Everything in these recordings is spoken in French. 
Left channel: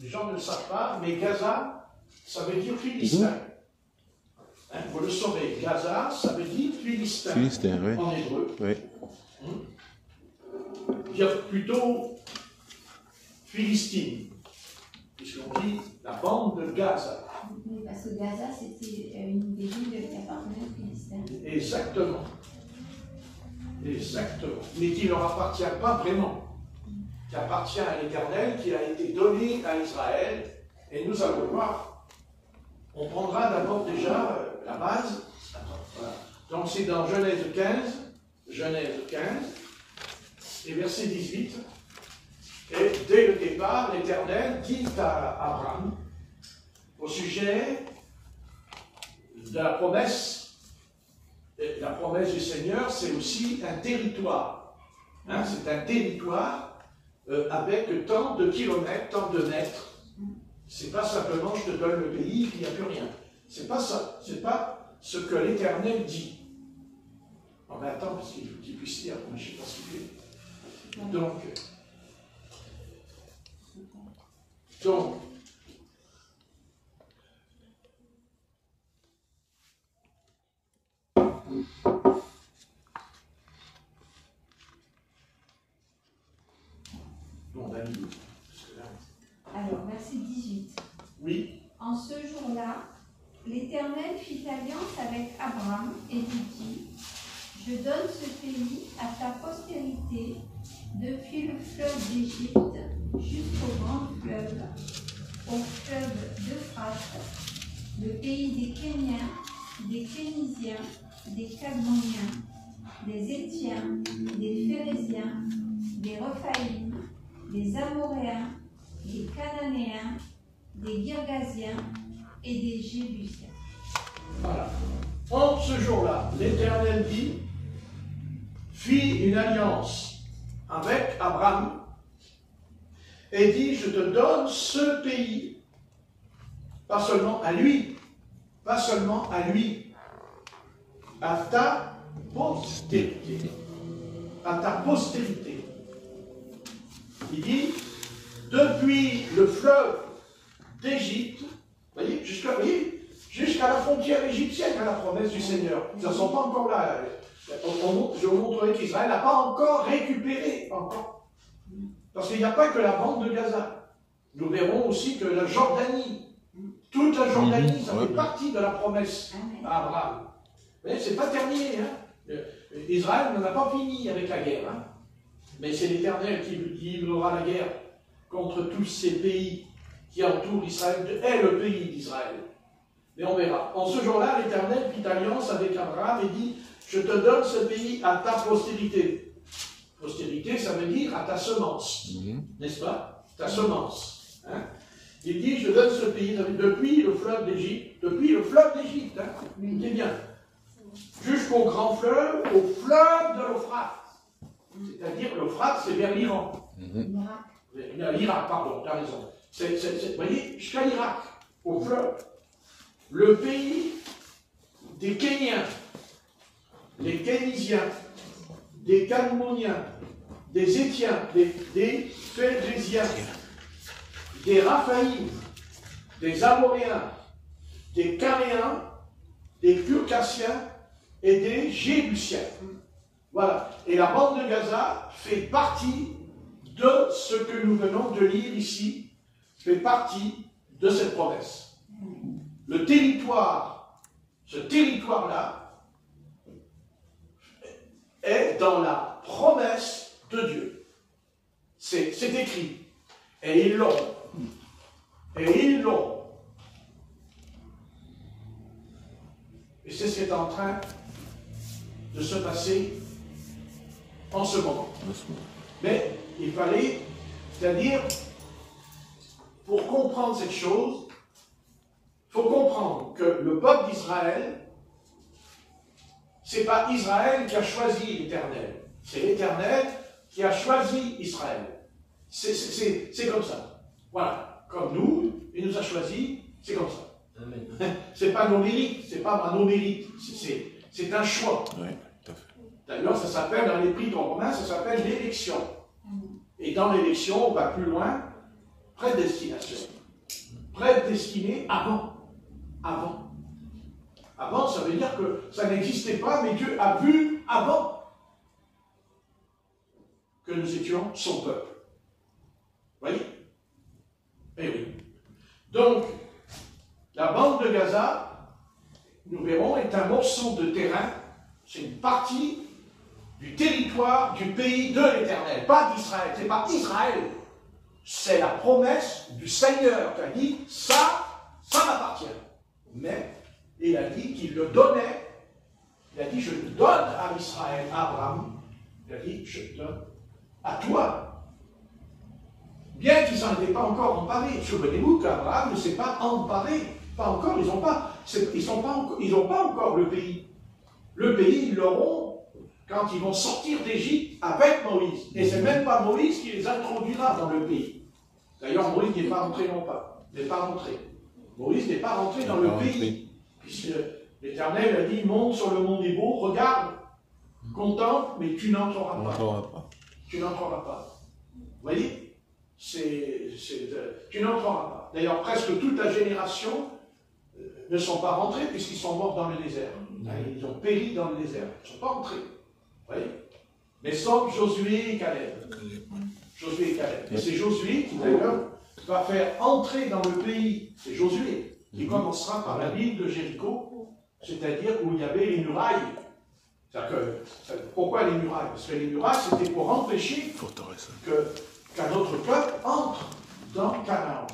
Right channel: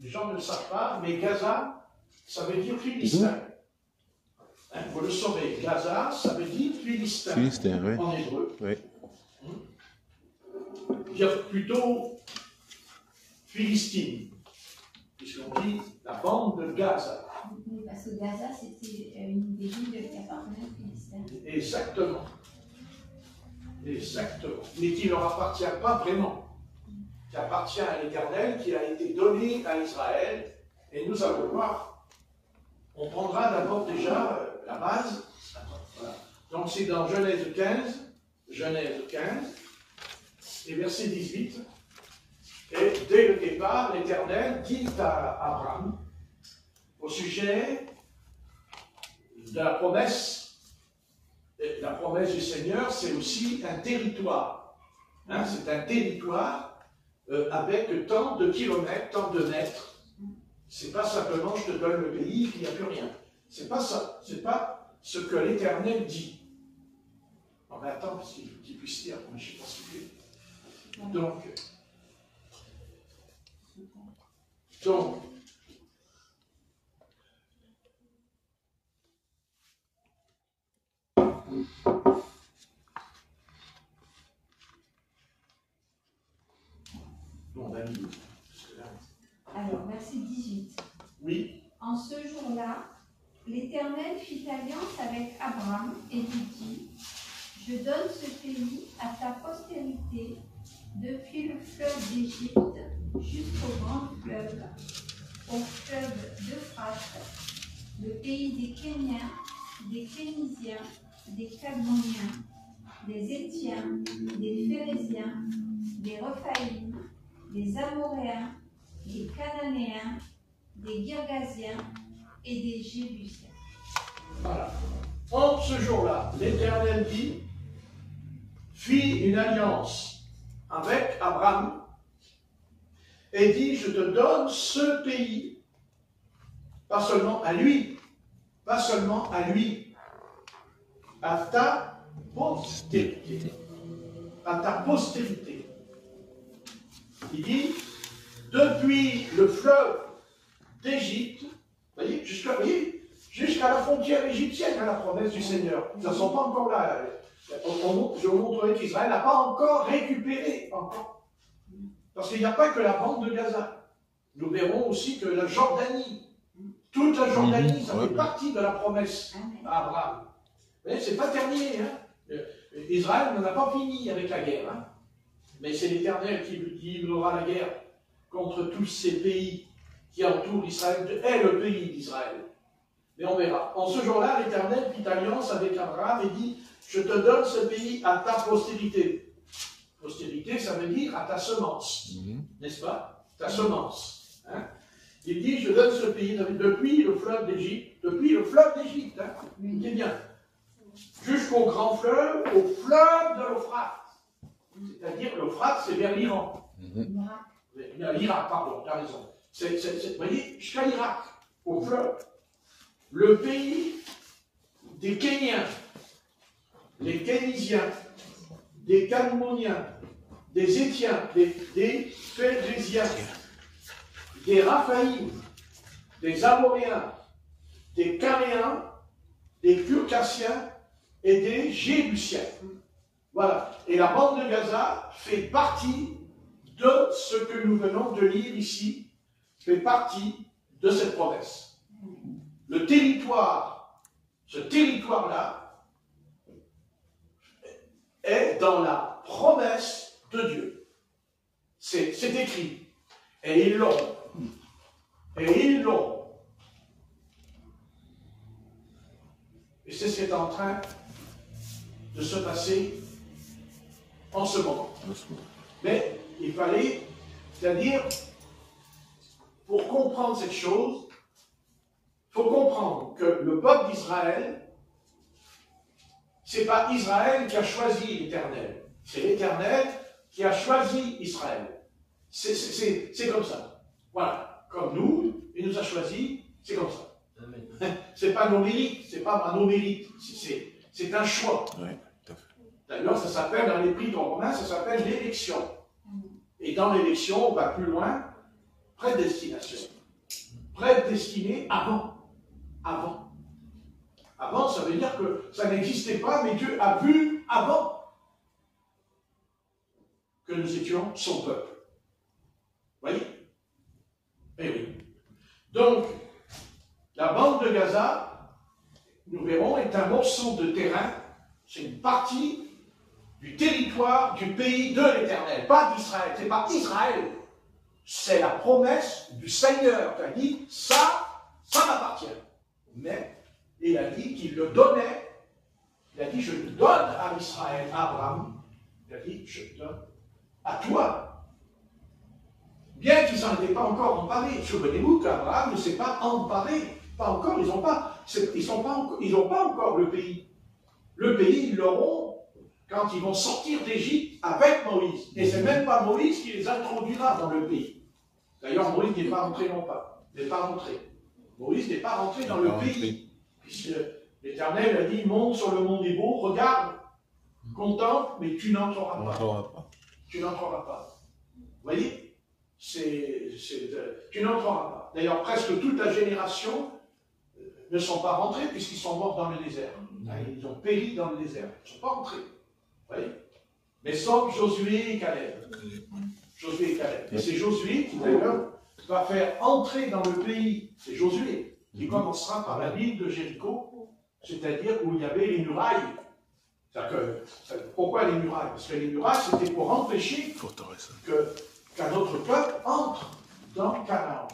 Les gens ne le savent pas, mais Gaza, ça veut dire Philistin. Hein, vous le saurez, Gaza, ça veut dire Philistin. Philistin, oui. En hébreu. Oui. Il y a plutôt Philistine, puisqu'on dit la bande de Gaza. Oui, parce que Gaza, c'était une des villes qui appartenait aux Philistins. Exactement. Exactement. Mais qui ne leur appartient pas vraiment. Qui appartient à l'Éternel, qui a été donné à Israël. Et nous allons voir. On prendra d'abord déjà la base. Voilà. Donc c'est dans Genèse 15. Genèse 15. Et verset 18. Et dès le départ, l'Éternel dit à Abraham au sujet de la promesse. La promesse du Seigneur, c'est aussi un territoire. Hein, c'est un territoire avec tant de kilomètres, tant de mètres. C'est pas simplement je te donne le pays, il n'y a plus rien. C'est pas ça. C'est pas ce que l'Éternel dit. On attend parce qu'il faut qu'il puisse lire. Je ne sais pas ce qu'il est. Donc, Alors, verset 18. oui. En ce jour-là, l'Éternel fit alliance avec Abraham et lui dit, je donne ce pays à ta postérité depuis le fleuve d'Égypte jusqu'au grand fleuve, au fleuve d'Euphrate, le pays des Kéniens, des Phéniciens, des Cadmoniens, des Étiens, des Phéréziens, des Rephaïm, des Amoréens, des Cananéens, des Girgasiens et des Jébusiens. Voilà. En ce jour-là, l'Éternel fit une alliance avec Abraham et dit, je te donne ce pays, pas seulement à lui, à ta postérité. À ta postérité. Il dit, depuis le fleuve d'Égypte, voyez, jusqu'à la frontière égyptienne, à la promesse du Seigneur. Ils ne sont pas encore là. Je vous montrerai qu'Israël n'a pas encore récupéré. Parce qu'il n'y a pas que la bande de Gaza. Nous verrons aussi que la Jordanie, toute la Jordanie, ça fait partie de la promesse à Abraham. Mais ce n'est pas terminé. Hein. Israël n'en a pas fini avec la guerre. Hein. Mais c'est l'Éternel qui livrera la guerre contre tous ces pays qui entourent Israël, est le pays d'Israël. Mais on verra. En ce jour-là, l'Éternel fit alliance avec Abraham et dit, je te donne ce pays à ta postérité. Postérité, ça veut dire à ta semence. N'est-ce pas? Ta semence. Hein? Il dit, je donne ce pays depuis le fleuve d'Égypte. Depuis le fleuve d'Égypte. Hein? Écoutez bien. Jusqu'au grand fleuve, au fleuve de l'Euphrate. C'est-à-dire, l'Euphrate, c'est vers l'Iran. L'Irak, pardon, tu as raison. Vous voyez, jusqu'à l'Irak, au fleuve. Le pays des Kéniens, des Phéniciens, des Cadmoniens, des Étiens, des Phéréziens, des Raphaïm, des Amoréens, des Canéens, des Girgasiens et des Jébusiens. Voilà. Et la bande de Gaza fait partie de ce que nous venons de lire ici, fait partie de cette promesse. Le territoire, ce territoire-là, est dans la promesse de Dieu. C'est écrit. Et ils l'ont. Et ils l'ont. Et c'est ce qui est en train de se passer en ce moment. Mais il fallait, c'est-à-dire, pour comprendre cette chose, il faut comprendre que le peuple d'Israël, ce n'est pas Israël qui a choisi l'Éternel, c'est l'Éternel qui a choisi Israël. C'est comme ça. Voilà. Comme nous, il nous a choisis, c'est comme ça. Ce n'est pas nos mérites, c'est pas nos mérites, c'est un choix. D'ailleurs, ça s'appelle, dans l'Épître aux Romains, ça s'appelle l'élection. Et dans l'élection, on va plus loin. Prédestination. Prédestiné avant. Avant. Avant, ça veut dire que ça n'existait pas, mais Dieu a vu avant que nous étions son peuple. Vous voyez? Eh oui. Donc, la bande de Gaza, nous verrons, est un morceau de terrain, c'est une partie du territoire du pays de l'Éternel, pas d'Israël. C'est pas Israël. C'est la promesse du Seigneur qui a dit, ça m'appartient. Mais il a dit qu'il le donnait. Il a dit, je le donne à Israël, à Abraham. Il a dit, je le donne à toi. Bien qu'ils n'en étaient pas encore emparés. Souvenez-vous qu'Abraham ne s'est pas emparé. Pas encore, ils n'ont pas encore le pays. Le pays, ils l'auront quand ils vont sortir d'Égypte avec Moïse. Et ce n'est même pas Moïse qui les introduira dans le pays. D'ailleurs, Moïse n'est pas rentré non pas. Il n'est pas rentré. Moïse n'est pas rentré dans le pays. Puisque l'Éternel a dit, monte sur le mont Nebo, regarde, contemple, mais tu n'entreras pas. Tu n'entreras pas. Vous voyez? Tu n'entreras pas. D'ailleurs, presque toute la génération ne sont pas rentrés puisqu'ils sont morts dans le désert. Ils ont péri dans le désert. Ils ne sont pas rentrés. Vous voyez? Mais sauf Josué et Caleb. Josué et Caleb. Et c'est Josué qui, d'ailleurs, va faire entrer dans le pays. C'est Josué qui commencera par la ville de Jéricho, c'est-à-dire où il y avait les murailles. Pourquoi les murailles? Parce que les murailles, c'était pour empêcher qu'un autre peuple entre dans Canaan,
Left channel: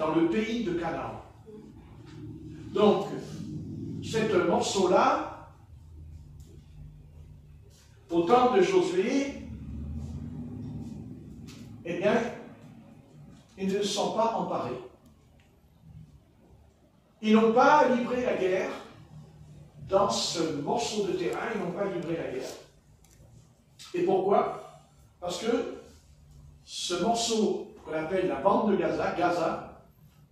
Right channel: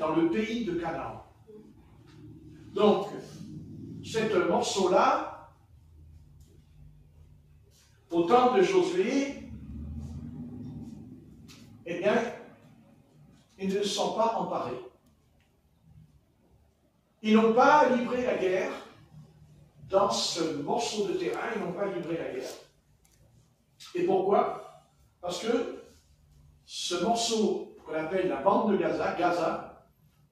dans le pays de Canaan. Donc, ce morceau-là, au temps de Josué, eh bien, ils ne sont pas emparés. Ils n'ont pas livré la guerre dans ce morceau de terrain, ils n'ont pas livré la guerre. Et pourquoi? Parce que ce morceau qu'on appelle la bande de Gaza,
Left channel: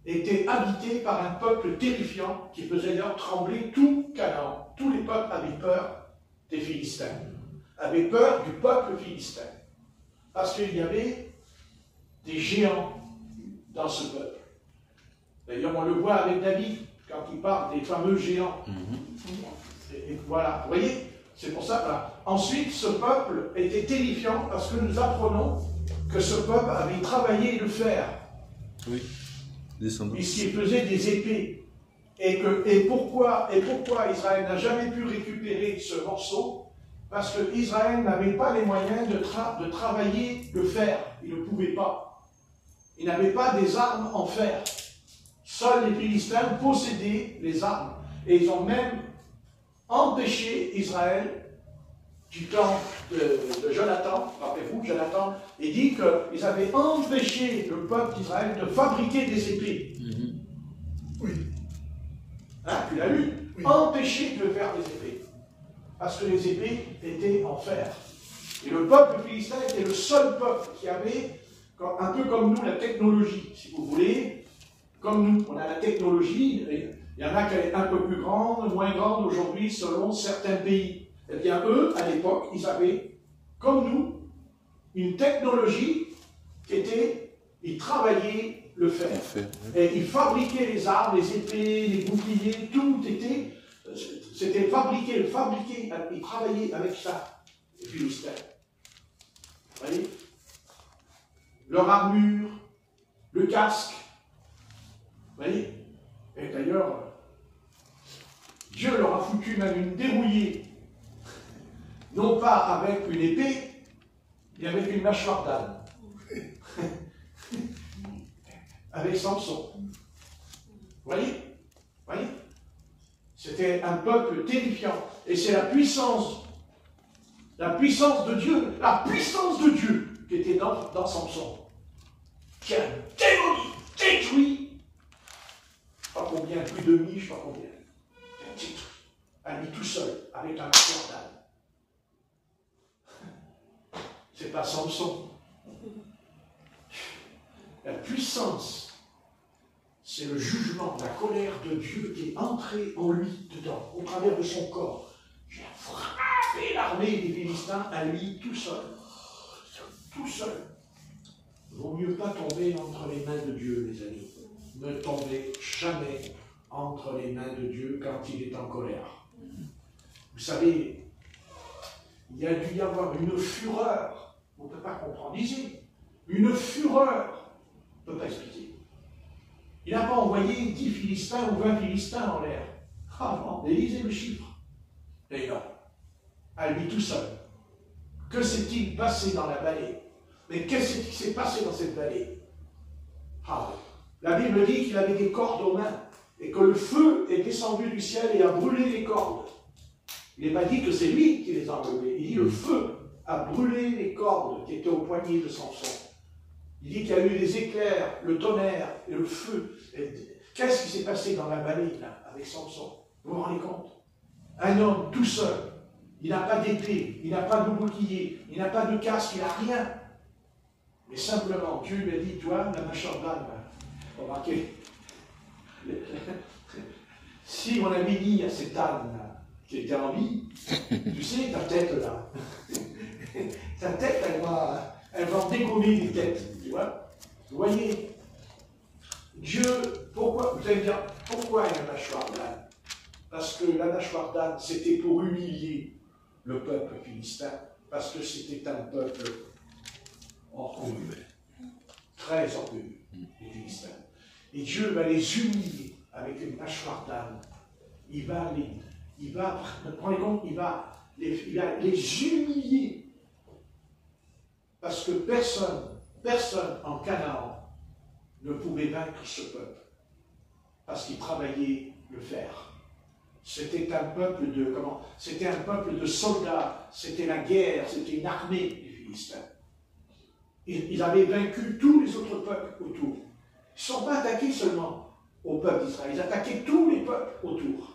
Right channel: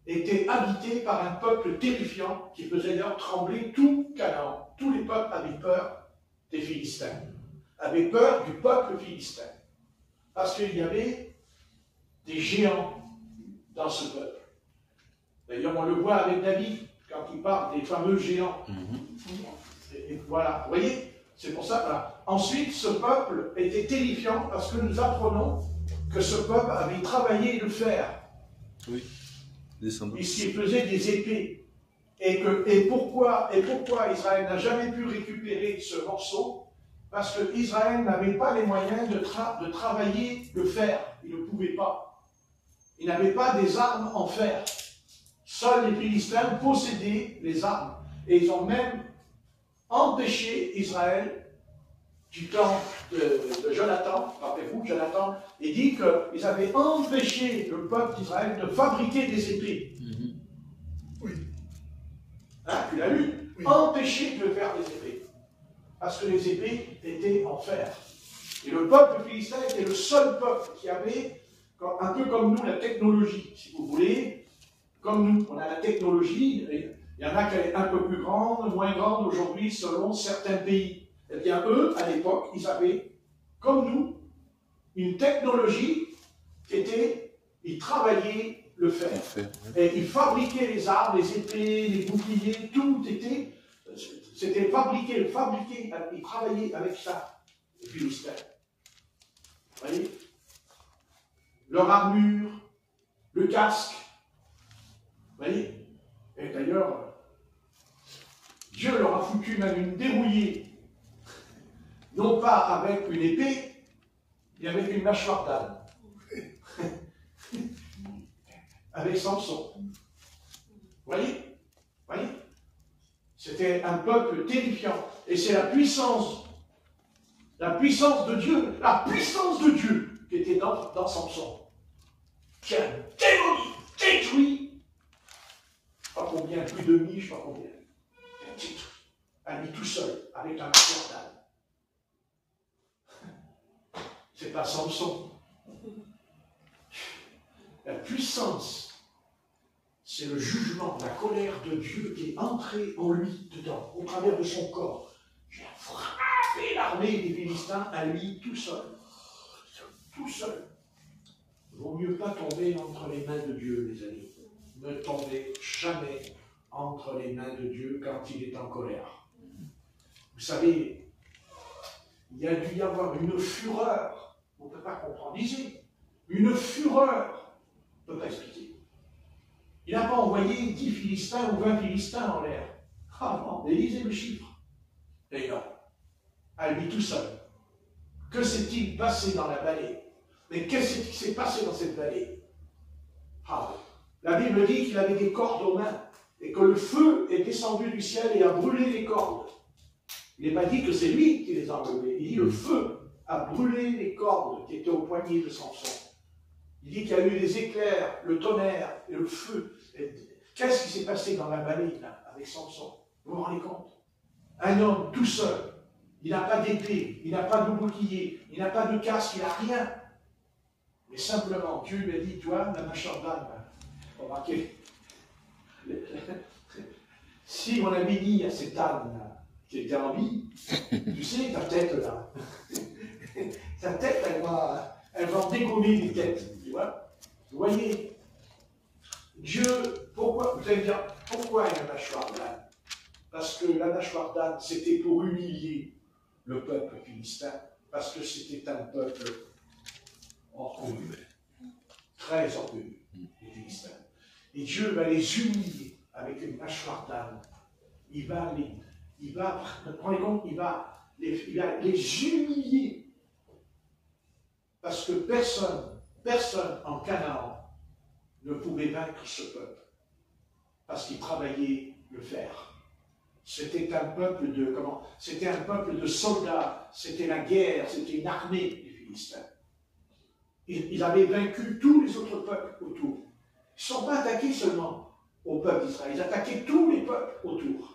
était habité par un peuple terrifiant qui faisait d'ailleurs trembler tout Canaan. Tous les peuples avaient peur des Philistins, avaient peur du peuple philistin. Parce qu'il y avait des géants dans ce peuple. D'ailleurs, on le voit avec David, quand il parle des fameux géants. Et voilà, vous voyez, c'est pour ça que là. Ensuite, ce peuple était terrifiant parce que nous apprenons que ce peuple avait travaillé le fer. Oui. Puisqu'il faisait des épées. Et pourquoi Israël n'a jamais pu récupérer ce morceau? Parce que Israël n'avait pas les moyens de travailler le fer. Il ne pouvait pas. Il n'avait pas des armes en fer. Seuls les Philistins possédaient les armes. Et ils ont même empêché Israël, du temps de Jonathan, rappelez-vous, Jonathan, il dit qu'ils avaient empêché le peuple d'Israël de fabriquer des épées. Oui. Hein, tu l'as lu? Oui. Empêché de faire des épées. Parce que les épées étaient en fer. Et le peuple philistin était le seul peuple qui avait, un peu comme nous, la technologie, si vous voulez. Comme nous, on a la technologie, et il y en a qui est un peu plus grande, moins grande aujourd'hui, selon certains pays. Eh bien, eux, à l'époque, ils avaient, comme nous, une technologie qui était, ils travaillaient le fer. Et ils fabriquaient les armes, les épées, les boucliers, tout était, c'était fabriqué, ils travaillaient avec ça, les Philistins. Vous voyez? Leur armure, le casque. Vous voyez? Et d'ailleurs, Dieu leur a foutu même une dérouillée. Non pas avec une épée, mais avec une mâchoire d'âne. Avec Samson. Vous voyez? C'était un peuple terrifiant. Et c'est la puissance de Dieu qui était dans Samson, qui a démoli, détruit, je ne sais pas combien, plus de demi, je ne sais pas combien, à lui tout seul, avec un mâchoire d'âne. C'est pas Samson. La puissance, c'est le jugement, la colère de Dieu qui est entrée en lui, dedans, au travers de son corps. Qui a frappé l'armée des Philistins à lui tout seul. Tout seul. Il vaut mieux pas tomber entre entre les mains de Dieu, les amis. Ne tombez jamais entre les mains de Dieu quand il est en colère. Vous savez, il y a dû y avoir une fureur, on ne peut pas comprendre ici, une fureur, on ne peut pas expliquer. Il n'a pas envoyé 10 Philistins ou 20 Philistins en l'air. Ah non, mais lisez le chiffre. Et non, à lui tout seul. Que s'est-il passé dans la vallée? Mais qu'est-ce qui s'est passé dans cette vallée? Ah oui. La Bible dit qu'il avait des cordes aux mains et que le feu est descendu du ciel et a brûlé les cordes. Il n'est pas dit que c'est lui qui les a enlevées. Il dit le feu a brûlé les cordes qui étaient au poignet de Samson. Il dit qu'il y a eu des éclairs, le tonnerre et le feu. Qu'est-ce qui s'est passé dans la vallée là, avec Samson? Vous vous rendez compte? Un homme tout seul. Il n'a pas d'épée, il n'a pas de bouclier, il n'a pas de casque, il n'a rien. Mais simplement, Dieu lui a dit, toi, la mâchoire d'âne, remarquez, si on avait dit à cet âne qui était en vie, tu sais, ta tête là, ta tête, elle va dégommer les têtes, tu vois. Vous voyez, Dieu, pourquoi, vous allez dire, pourquoi la mâchoire d'âne? Parce que la mâchoire d'âne, c'était pour humilier le peuple philistin, parce que c'était un peuple orgueilleux, très orgueilleux, les Philistins. Et Dieu va les humilier avec une mâchoire d'âne. Il va les humilier. Parce que personne en Canaan ne pouvait vaincre ce peuple. Parce qu'il travaillait le fer. C'était un peuple c'était un peuple de soldats, c'était la guerre, c'était une armée des Philistins. Ils avaient vaincu tous les autres peuples autour. Ils ne sont pas attaqués seulement au peuple d'Israël, ils attaquaient tous les peuples autour.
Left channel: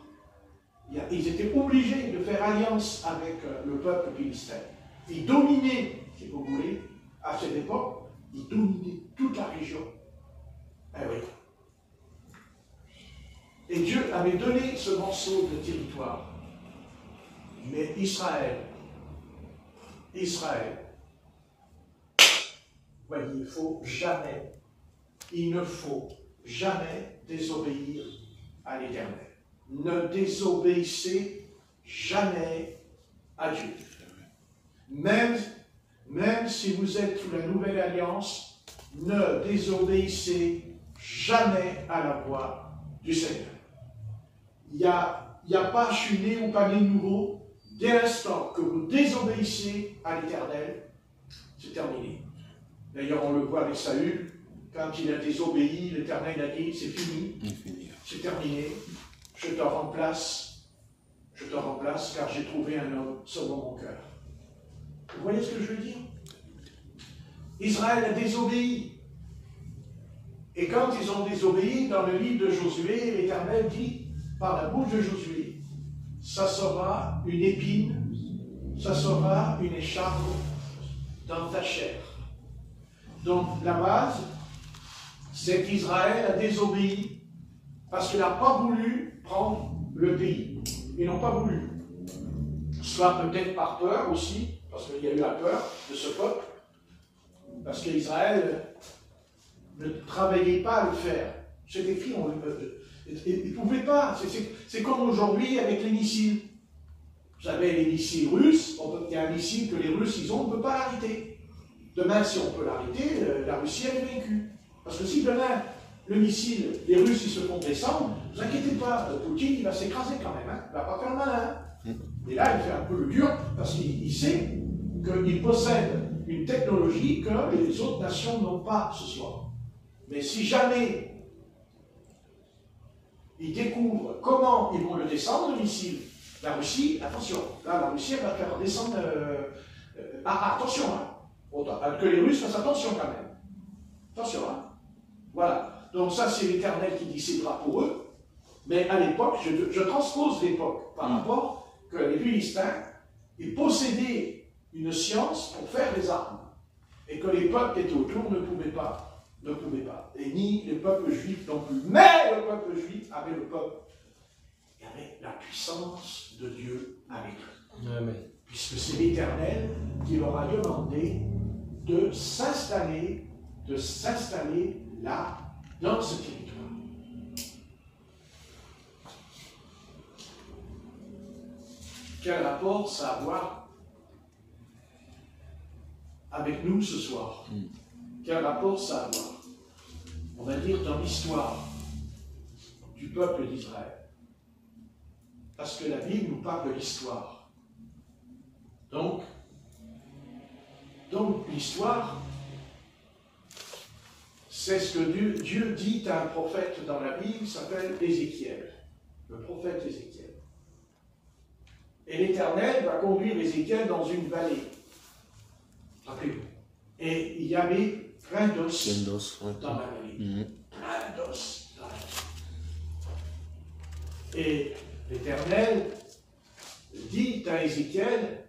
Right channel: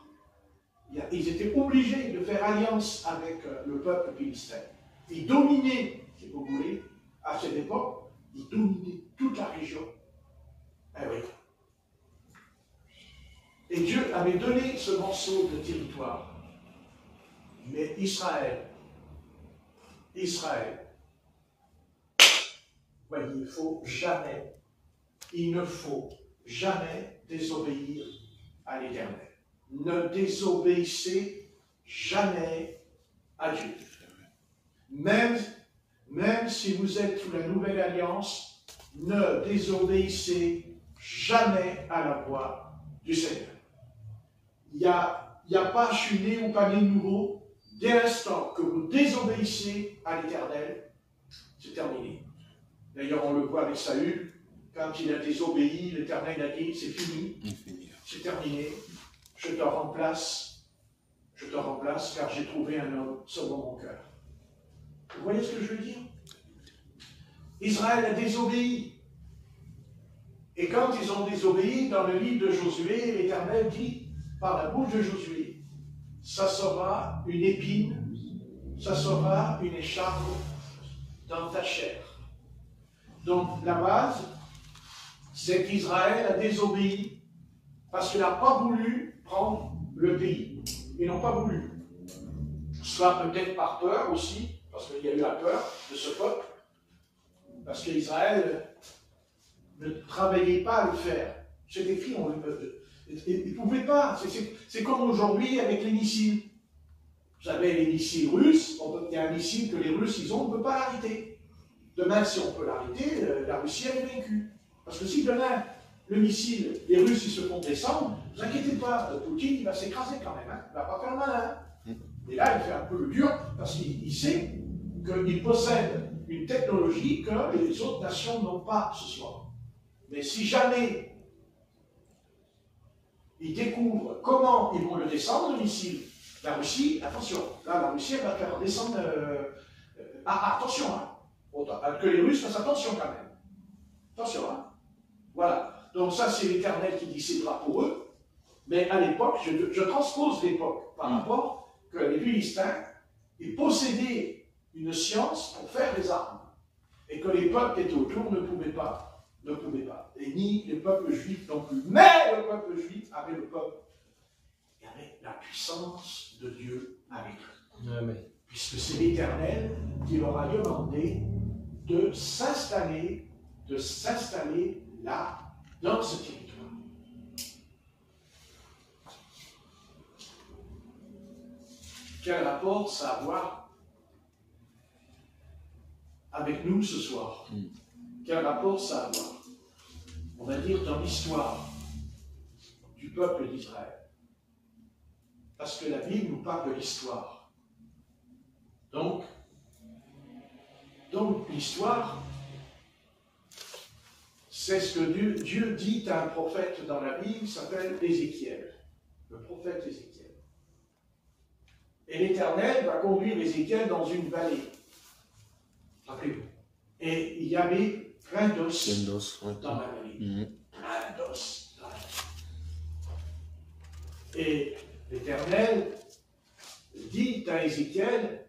Ils étaient obligés de faire alliance avec le peuple philistin. Ils dominaient, si vous voulez, à cette époque, ils dominaient toute la région. Ah oui. Et Dieu avait donné ce morceau de territoire. Mais Israël, voyez, il ne faut jamais désobéir à l'Éternel. Ne désobéissez jamais à Dieu. Même si vous êtes sous la nouvelle alliance, ne désobéissez jamais à la voix du Seigneur. Il n'y a pas je suis né ou pas né nouveau. Dès l'instant que vous désobéissez à l'Éternel, c'est terminé. D'ailleurs, on le voit avec Saül, quand il a désobéi, l'Éternel a dit, c'est fini, c'est terminé, je te remplace, car j'ai trouvé un homme selon mon cœur. Vous voyez ce que je veux dire? Israël a désobéi. Et quand ils ont désobéi, dans le livre de Josué, l'Éternel dit, par la bouche de Josué, ça sera une épine, ça sera une écharpe dans ta chair. Donc la base, c'est qu'Israël a désobéi parce qu'il n'a pas voulu prendre le pays. Ils n'ont pas voulu. Soit peut-être par peur aussi, parce qu'il y a eu la peur de ce peuple, parce qu'Israël ne travaillait pas à le faire. C'est écrit, ils ne pouvaient pas. C'est comme aujourd'hui avec les missiles. Vous savez, les missiles russes, il y a un missile que les Russes, ils ont, on ne peut pas l'arrêter. Demain, si on peut l'arrêter, la Russie est vaincue. Parce que si demain, le missile, les Russes, ils se font descendre, ne vous inquiétez pas, Poutine, il va s'écraser quand même. Hein. Il ne va pas faire le malin. Et là, il fait un peu le dur, parce qu'il sait qu'il possède une technologie que les autres nations n'ont pas ce soir. Mais si jamais ils découvrent comment ils vont le descendre, le missile, la Russie, attention, là, la Russie, elle va faire descendre... attention, hein. Que les Russes fassent attention quand même. Attention, hein. Voilà. Donc ça, c'est l'Éternel qui décidera pour eux. Mais à l'époque, je transpose l'époque par rapport que les Philistins, ils possédaient une science pour faire des armes. Et que les peuples qui étaient autour ne pouvaient pas. Et ni les peuples juifs non plus. Mais le peuple juif avait il y avait la puissance de Dieu avec eux. Amen. Puisque c'est l'Éternel qui leur a demandé de s'installer là, dans ce territoire. Quel rapport ça a à voir avec nous ce soir? Quel rapport ça a à voir, on va dire, dans l'histoire du peuple d'Israël? Parce que la Bible nous parle de l'histoire. Donc l'histoire, c'est ce que Dieu dit à un prophète dans la Bible qui s'appelle Ézéchiel, le prophète Ézéchiel. Et l'Éternel va conduire Ézéchiel dans une vallée. Rappelez-vous. Et il y avait plein d'os dans la vallée. Plein d'os dans la vallée. Et l'Éternel dit à Ézéchiel,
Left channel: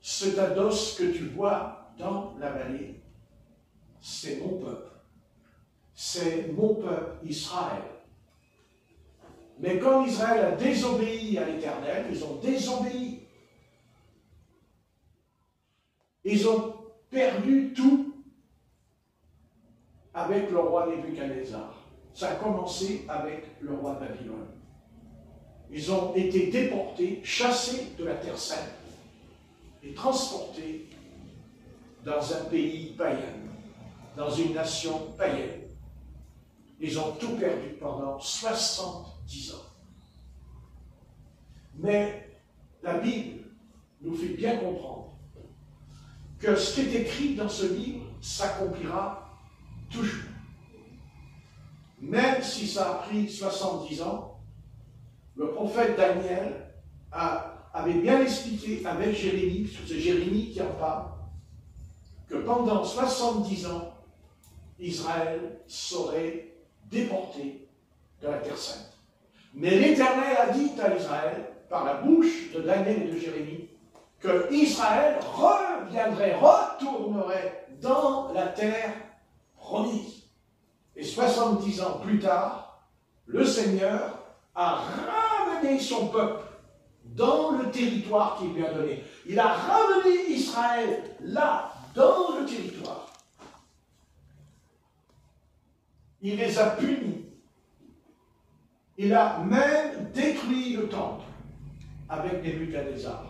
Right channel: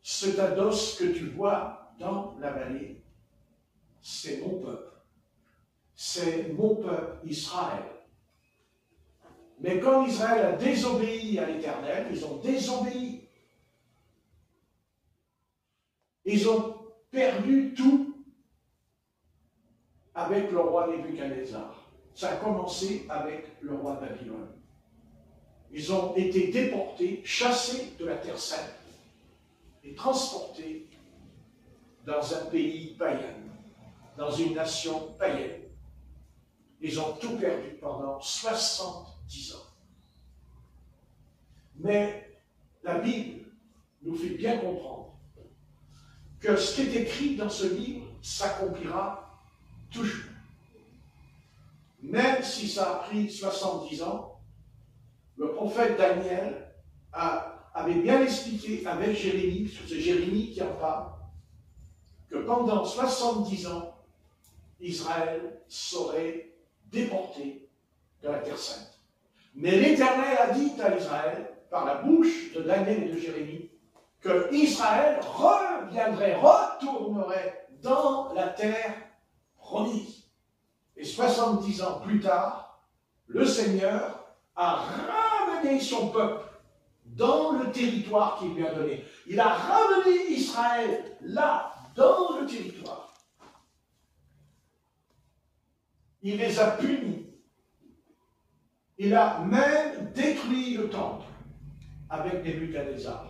ce tas d'os que tu vois dans la vallée, c'est mon peuple. C'est mon peuple Israël. Mais comme Israël a désobéi à l'Éternel, ils ont désobéi. Ils ont perdu tout avec le roi Nebuchadnezzar. Ça a commencé avec le roi de Babylone. Ils ont été déportés, chassés de la Terre Sainte et transportés dans un pays païen, dans une nation païenne. Ils ont tout perdu pendant 70 ans. Mais la Bible nous fait bien comprendre que ce qui est écrit dans ce livre s'accomplira toujours. Même si ça a pris 70 ans, le prophète Daniel avait bien expliqué avec Jérémie, parce que c'est Jérémie qui en parle, que pendant 70 ans, Israël serait déporté de la Terre Sainte. Mais l'Éternel a dit à Israël, par la bouche de Daniel et de Jérémie, que Israël reviendrait, retournerait dans la terre promise. Et 70 ans plus tard, le Seigneur a ramené son peuple dans le territoire qu'il lui a donné. Il a ramené Israël là, dans le territoire. Il les a punis. Il a même détruit le temple avec Nebuchadnezzar.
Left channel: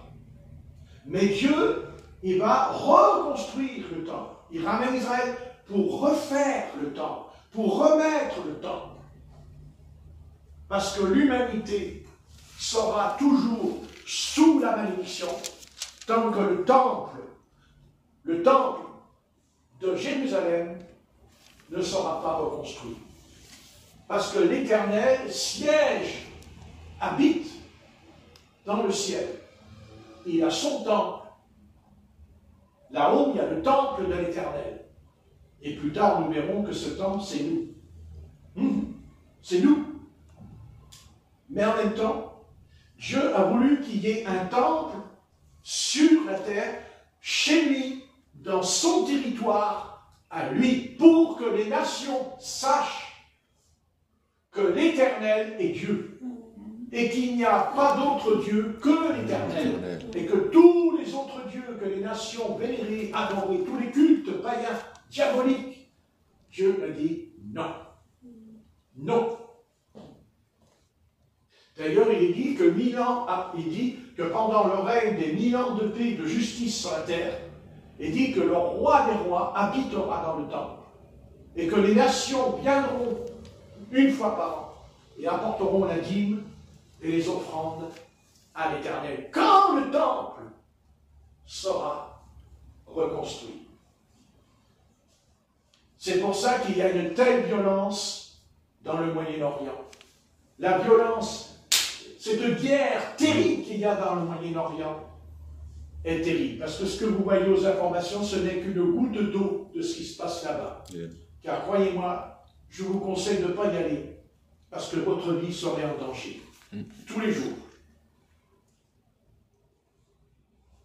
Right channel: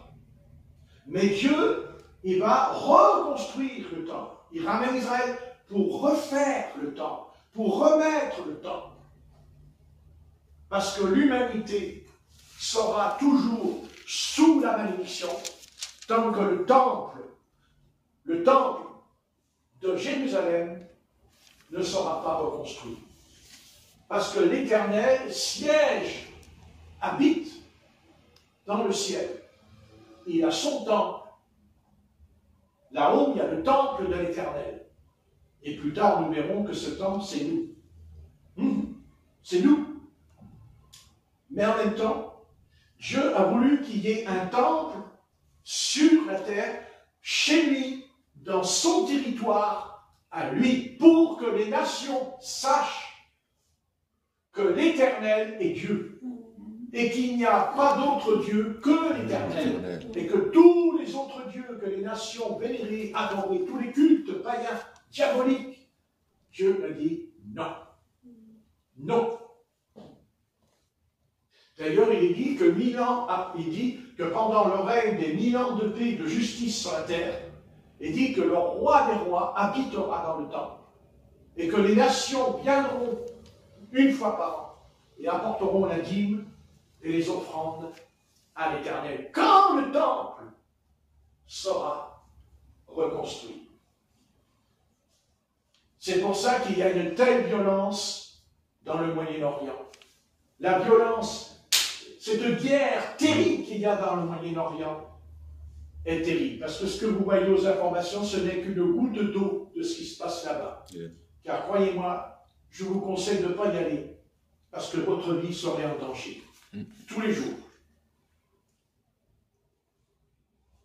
Mais Dieu, il va reconstruire le temple. Il ramène Israël pour refaire le temple, pour remettre le temple. Parce que l'humanité sera toujours sous la malédiction tant que le temple de Jérusalem ne sera pas reconstruit. Parce que l'Éternel siège, habite dans le ciel. Il a son temple. Là-haut, il y a le temple de l'Éternel. Et plus tard, nous verrons que ce temple, c'est nous. C'est nous. Mais en même temps, Dieu a voulu qu'il y ait un temple sur la terre, chez lui, dans son territoire, à lui, pour que les nations sachent que l'Éternel est Dieu. Et qu'il n'y a pas d'autre Dieu que l'Éternel. Et que tous les autres dieux que les nations vénéraient, adoraient, tous les cultes païens, diaboliques, Dieu a dit non. Non. D'ailleurs, il dit que pendant le règne des 1000 ans de paix et de justice sur la terre, il dit que le roi des rois habitera dans le temple. Et que les nations viendront une fois par an et apporteront la dîme et les offrandes à l'Éternel, quand le temple sera reconstruit. C'est pour ça qu'il y a une telle violence dans le Moyen-Orient. La violence, cette guerre terrible qu'il y a dans le Moyen-Orient est terrible. Parce que ce que vous voyez aux informations, ce n'est qu'une goutte d'eau de ce qui se passe là-bas. Car croyez-moi, je vous conseille de ne pas y aller, parce que votre vie serait en danger. Tous les jours.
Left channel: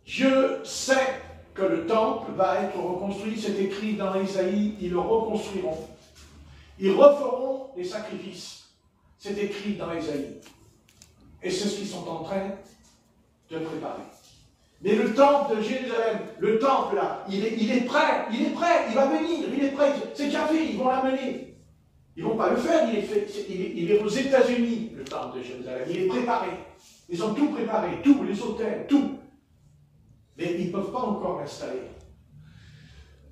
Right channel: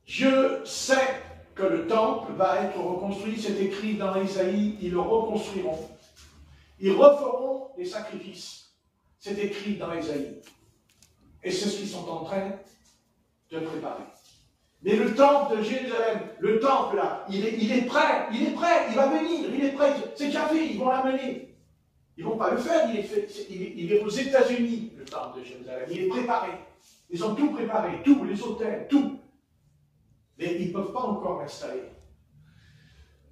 Dieu sait que le temple va être reconstruit, c'est écrit dans Isaïe, ils le reconstruiront. Ils referont les sacrifices, c'est écrit dans Isaïe. Et c'est ce qu'ils sont en train de préparer. Mais le temple de Jérusalem, le temple là, il est prêt, il va venir, il est prêt, c'est carré, ils vont l'amener. Ils ne vont pas le faire, il est aux États-Unis, le temple de Jérusalem, il est préparé. Ils ont tout préparé, tous les hôtels, tout. Mais ils ne peuvent pas encore l'installer.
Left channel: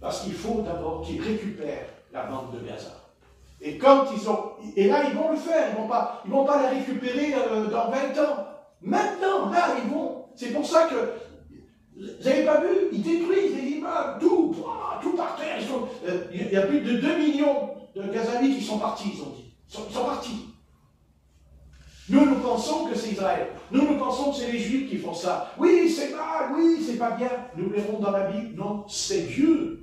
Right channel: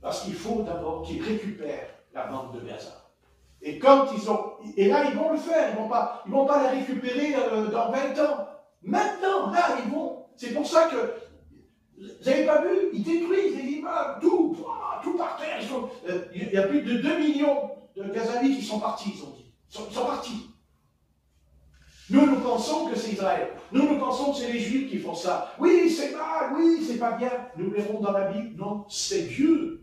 Parce qu'il faut d'abord qu'ils récupèrent la bande de Gaza. Et quand et là, ils vont le faire, ils vont pas la récupérer dans 20 ans. Maintenant, là, ils vont. C'est pour ça que, vous n'avez pas vu, ils détruisent les immeubles, tout par terre. Il y a plus de 2 millions de Gazaouis qui sont partis, ils ont dit. Ils sont partis. Nous pensons que c'est Israël. Nous pensons que c'est les Juifs qui font ça. Oui, c'est mal, oui, c'est pas bien. Nous verrons dans la Bible, non, c'est Dieu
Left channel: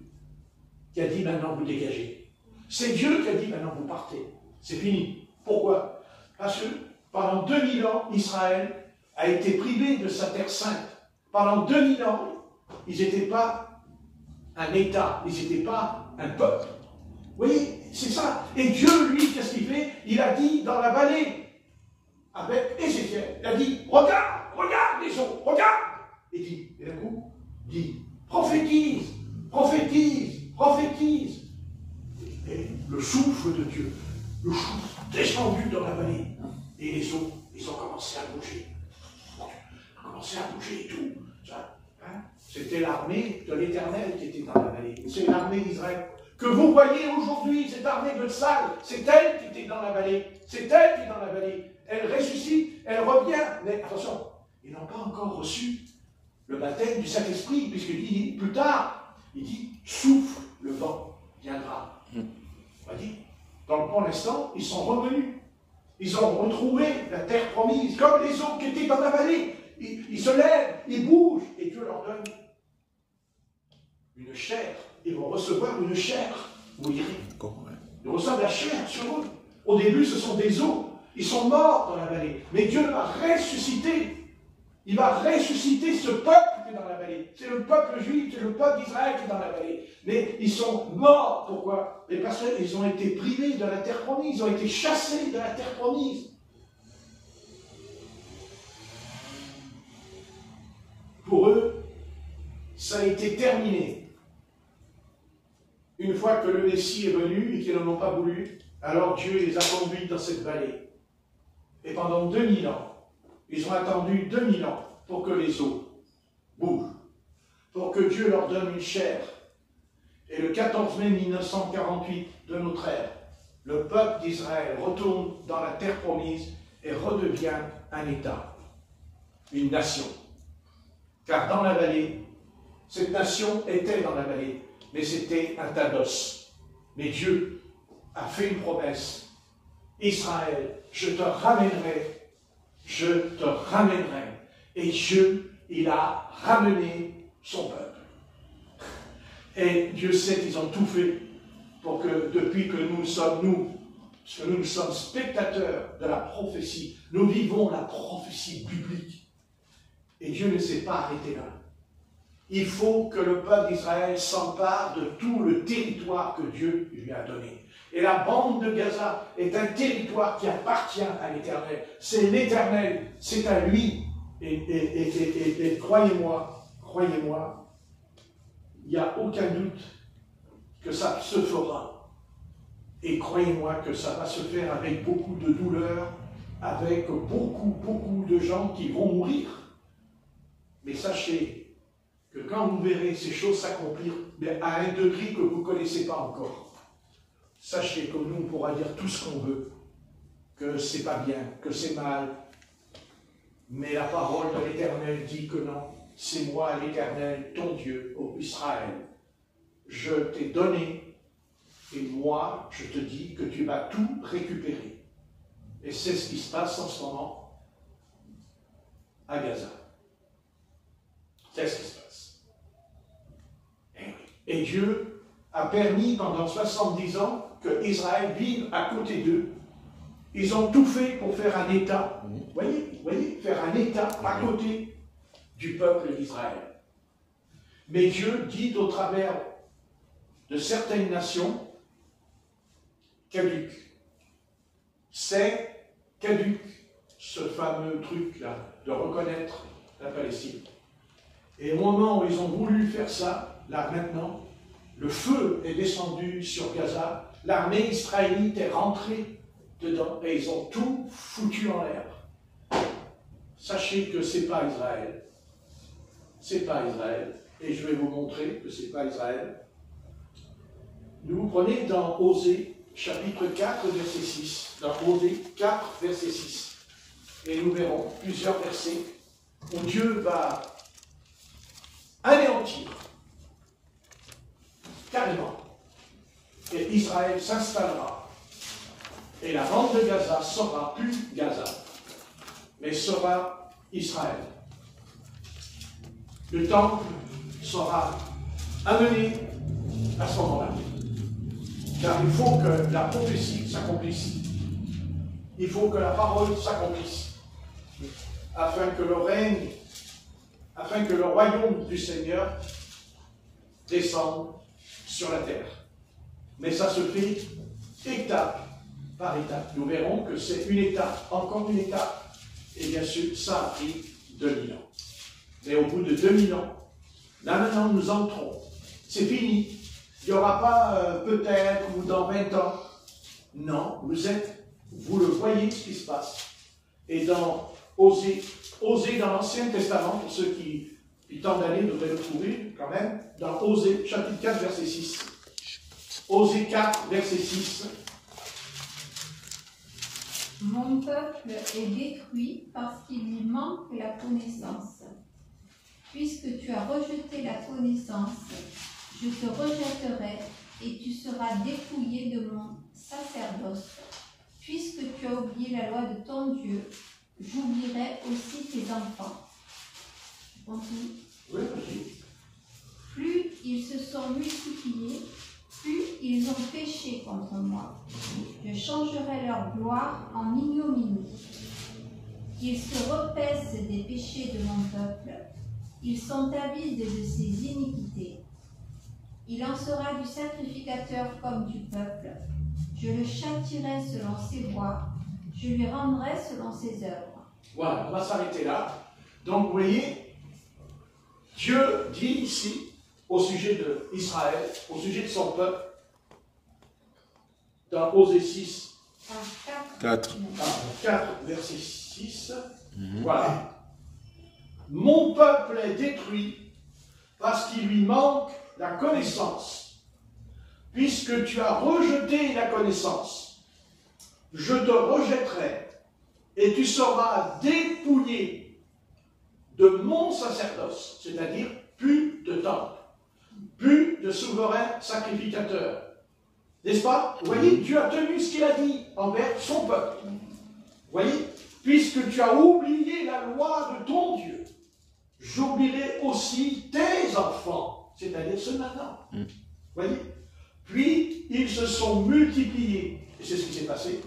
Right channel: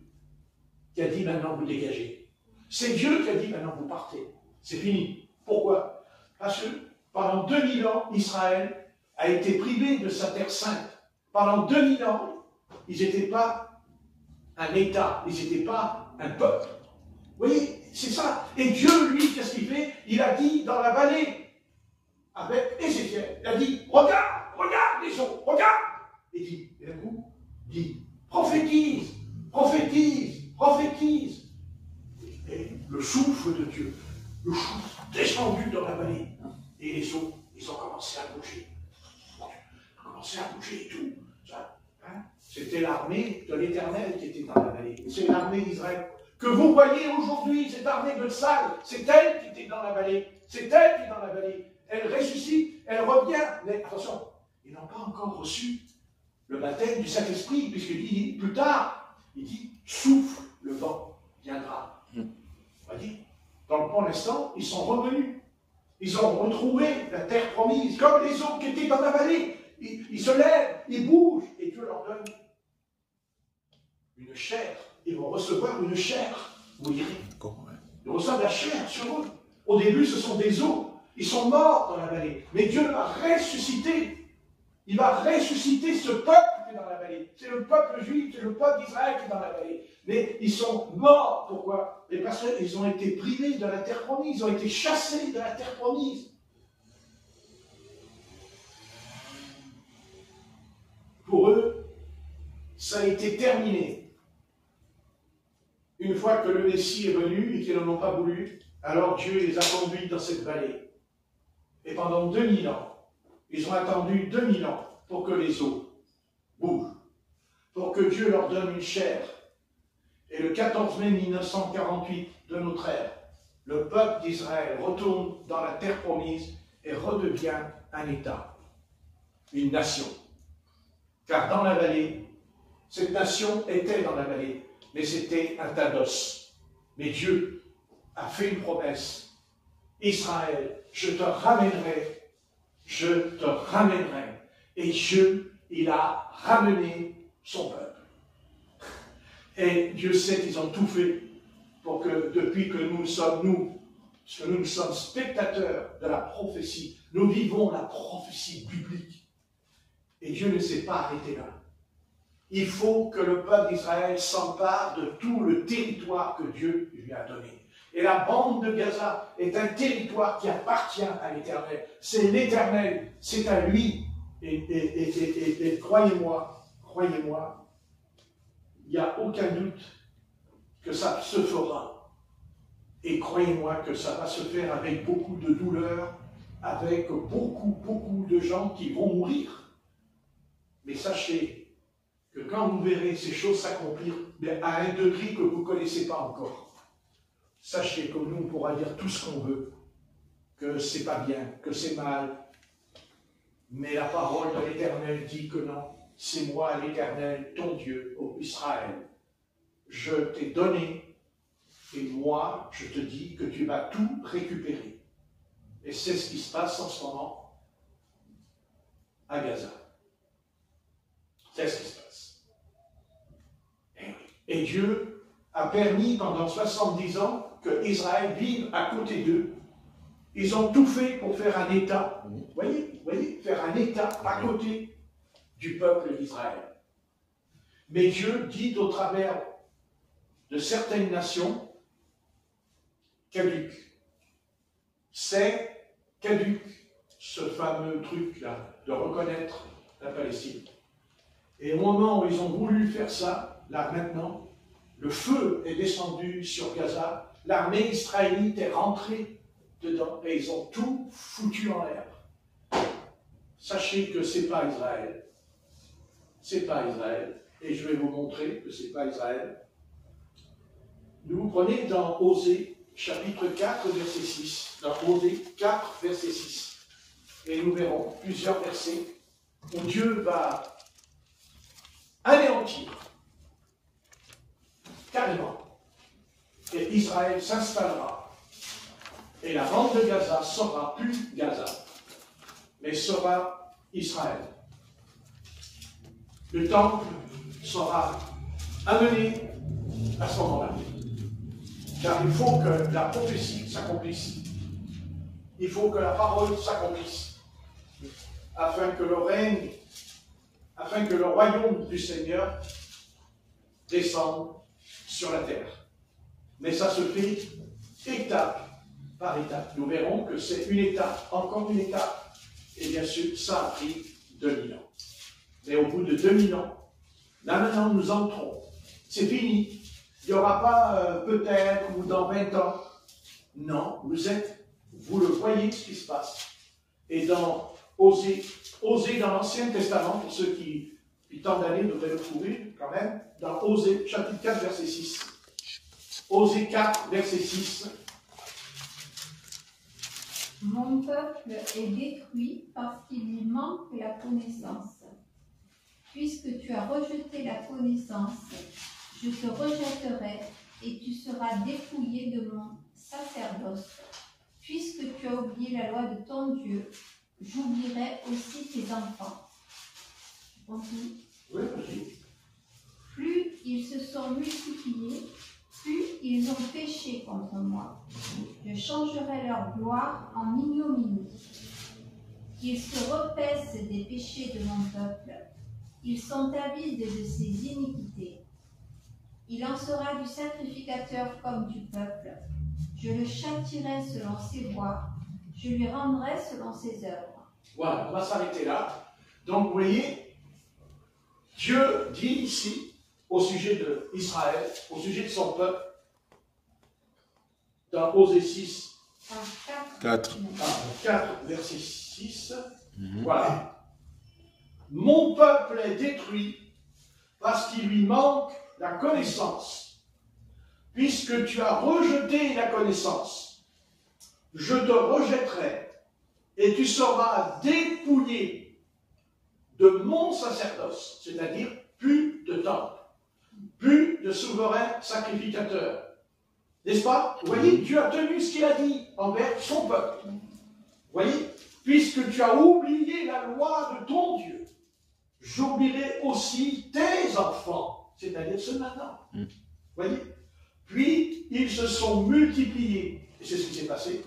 qui a dit maintenant vous dégagez. C'est Dieu qui a dit maintenant vous partez. C'est fini. Pourquoi? Parce que pendant 2000 ans, Israël a été privé de sa terre sainte. Pendant 2000 ans, ils n'étaient pas un État, ils n'étaient pas un peuple. Vous voyez, c'est ça. Et Dieu, lui, qu'est-ce qu'il fait? Il a dit dans la vallée, avec Ézéchiel, il a dit, regarde les eaux, regarde. Il dit, et d'un coup, il dit, prophétise. Et le souffle de Dieu, le souffle descendu dans la vallée, et les eaux, ils ont commencé à bouger. Et tout. C'était l'armée de l'Éternel qui était dans la vallée. C'est l'armée d'Israël. Que vous voyez aujourd'hui, cette armée de Tsal, c'est elle qui était dans la vallée. C'est elle qui est dans la vallée. Elle ressuscite, elle revient. Mais attention, ils n'ont pas encore reçu le baptême du Saint-Esprit, puisqu'il dit plus tard, il dit souffle, le vent viendra. Voyez, donc pour l'instant, ils sont revenus. Ils ont retrouvé la terre promise, comme les autres qui étaient dans la vallée. Ils se lèvent, ils bougent, et Dieu leur donne une chair. Ils vont recevoir une chair. Vous direz. Ils reçoivent la chair sur eux. Au début, ce sont des os. Ils sont morts dans la vallée. Mais Dieu va ressusciter. Il va ressusciter ce peuple qui est dans la vallée. C'est le peuple juif, c'est le peuple d'Israël qui est dans la vallée. Mais ils sont morts. Pourquoi? Mais parce qu'ils ont été privés de la terre promise. Ils ont été chassés de la terre promise. Pour eux, ça a été terminé. Une fois que le Messie est venu et qu'ils n'en ont pas voulu, alors Dieu les a conduits dans cette vallée. Et pendant 2000 ans, ils ont attendu 2000 ans pour que les eaux bougent, pour que Dieu leur donne une chair. Et le 14 mai 1948 de notre ère, le peuple d'Israël retourne dans la terre promise et redevient un État, une nation. Car dans la vallée, cette nation était dans la vallée, mais c'était un tas d'os. Mais Dieu a fait une promesse. Israël, je te ramènerai. Et Dieu, il a ramené son peuple. Et Dieu sait qu'ils ont tout fait pour que, depuis que nous sommes spectateurs de la prophétie, nous vivons la prophétie biblique. Et Dieu ne s'est pas arrêté là. Il faut que le peuple d'Israël s'empare de tout le territoire que Dieu lui a donné. Et la bande de Gaza est un territoire qui appartient à l'Éternel. C'est l'Éternel, c'est à lui. Et croyez-moi, il n'y a aucun doute que ça se fera. Et croyez-moi que ça va se faire avec beaucoup de douleur, avec beaucoup de gens qui vont mourir. Mais sachez que quand vous verrez ces choses s'accomplir, mais à un degré que vous ne connaissez pas encore, sachez que nous, on pourra dire tout ce qu'on veut, que c'est pas bien, que c'est mal, mais la parole de l'Éternel dit que non, c'est moi l'Éternel, ton Dieu, ô Israël. Je t'ai donné, et moi, je te dis que tu vas tout récupérer. Et c'est ce qui se passe en ce moment à Gaza. C'est ce qui se passe. Et Dieu a permis pendant 70 ans que Israël vive à côté d'eux. Ils ont tout fait pour faire un État. Vous voyez, faire un État à côté du peuple d'Israël. Mais Dieu dit au travers de certaines nations, caduc. C'est caduc, ce fameux truc-là, de reconnaître la Palestine. Et au moment où ils ont voulu faire ça, là maintenant, le feu est descendu sur Gaza, l'armée israélite est rentrée dedans et ils ont tout foutu en l'air. Sachez que ce n'est pas Israël. C'est pas Israël. Et je vais vous montrer que ce n'est pas Israël. Nous prenez dans Osée, chapitre 4, verset 6. Dans Osée 4, verset 6. Et nous verrons plusieurs versets où Dieu va anéantir carrément. Et Israël s'installera. Et la bande de Gaza sera plus Gaza, mais sera Israël. Le temple sera amené à ce moment-là. Car il faut que la prophétie s'accomplisse. Il faut que la parole s'accomplisse. Afin que le règne, afin que le royaume du Seigneur descende sur la terre. Mais ça se fait étape par étape. Nous verrons que c'est une étape, encore une étape. Et bien sûr, ça a pris 2000 ans. Mais au bout de 2000 ans, là maintenant nous entrons. C'est fini. Il n'y aura pas peut-être ou dans 20 ans. Non, vous le voyez ce qui se passe. Et dans Osée dans l'Ancien Testament, pour ceux qui tentent d'aller, devraient le trouver quand même, dans Osée, chapitre 4, verset 6. Osée 4, verset 6. Mon peuple est détruit parce qu'il lui manque la connaissance. Puisque tu as rejeté la connaissance, je te rejetterai et tu seras dépouillé de mon sacerdoce. Puisque tu as oublié la loi de ton Dieu, j'oublierai aussi tes enfants. Continue. Oui, vas-y. Plus ils se sont multipliés, plus ils ont péché contre moi. Je changerai leur gloire en ignominie. Qu'ils se repaissent des péchés de mon peuple. Ils sont avides de ses iniquités. Il en sera du sacrificateur comme du peuple. Je le châtirai selon ses voies. Je lui rendrai selon ses œuvres. Voilà, on va s'arrêter là. Donc, vous voyez, Dieu dit ici, au sujet d'Israël, au sujet de son peuple, dans Osée 6, 4. 4, verset 6, voilà. Mon peuple est détruit parce qu'il lui manque la connaissance. Puisque tu as rejeté la connaissance, je te rejetterai et tu seras dépouillé de mon sacerdoce, c'est-à-dire plus de temple, plus de souverain sacrificateur. N'est-ce pas? Vous voyez, Dieu a tenu ce qu'il a dit envers son peuple. Vous voyez, puisque tu as oublié la loi de ton Dieu, j'oublierai aussi tes enfants, c'est-à-dire ceux maintenant. Vous voyez? Puis, ils se sont multipliés. Et c'est ce qui s'est passé.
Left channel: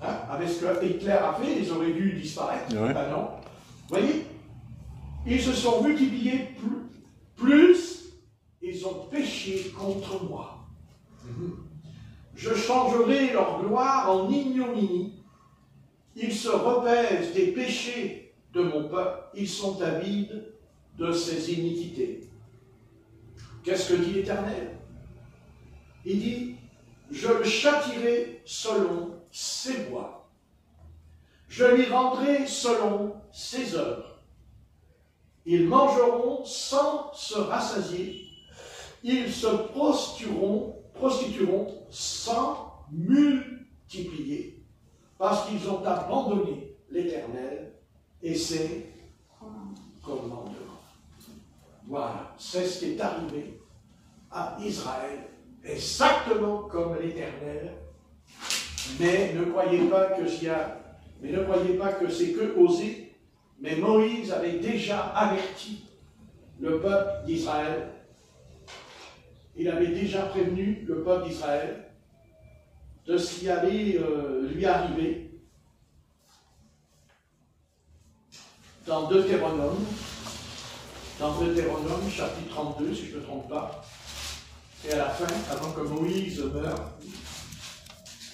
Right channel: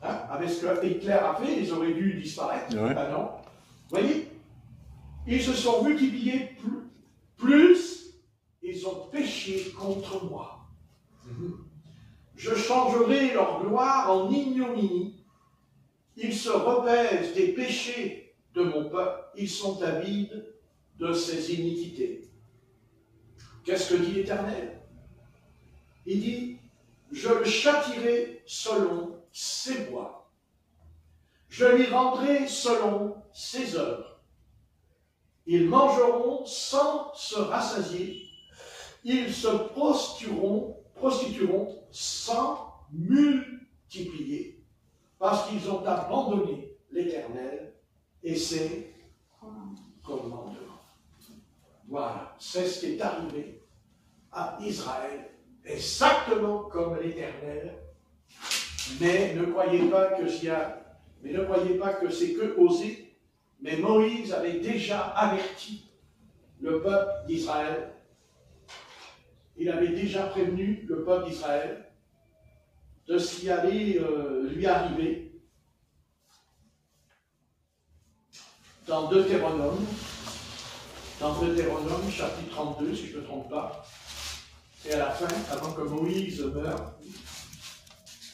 Hein? Avec ce que Hitler a fait, ils auraient dû disparaître. Ouais. Ah non. Vous voyez? Ils se sont multipliés plus ils ont péché contre moi. Je changerai leur gloire en ignominie. Ils se repaissent des péchés de mon peuple. Ils sont avides de ses iniquités. Qu'est-ce que dit l'Éternel? Il dit, je le châtirai selon ses voies. Je lui rendrai selon ses œuvres. Ils mangeront sans se rassasier. Ils se prostitueront sans multiplier. Parce qu'ils ont abandonné l'Éternel et ses commandements. Voilà, c'est ce qui est arrivé à Israël. Exactement comme l'Éternel. Mais ne croyez pas que c'est que Osée. Mais Moïse avait déjà averti le peuple d'Israël. Il avait déjà prévenu le peuple d'Israël de ce qui allait lui arriver. Dans Deutéronome, chapitre 32, si je ne me trompe pas, et à la fin, avant que Moïse meure,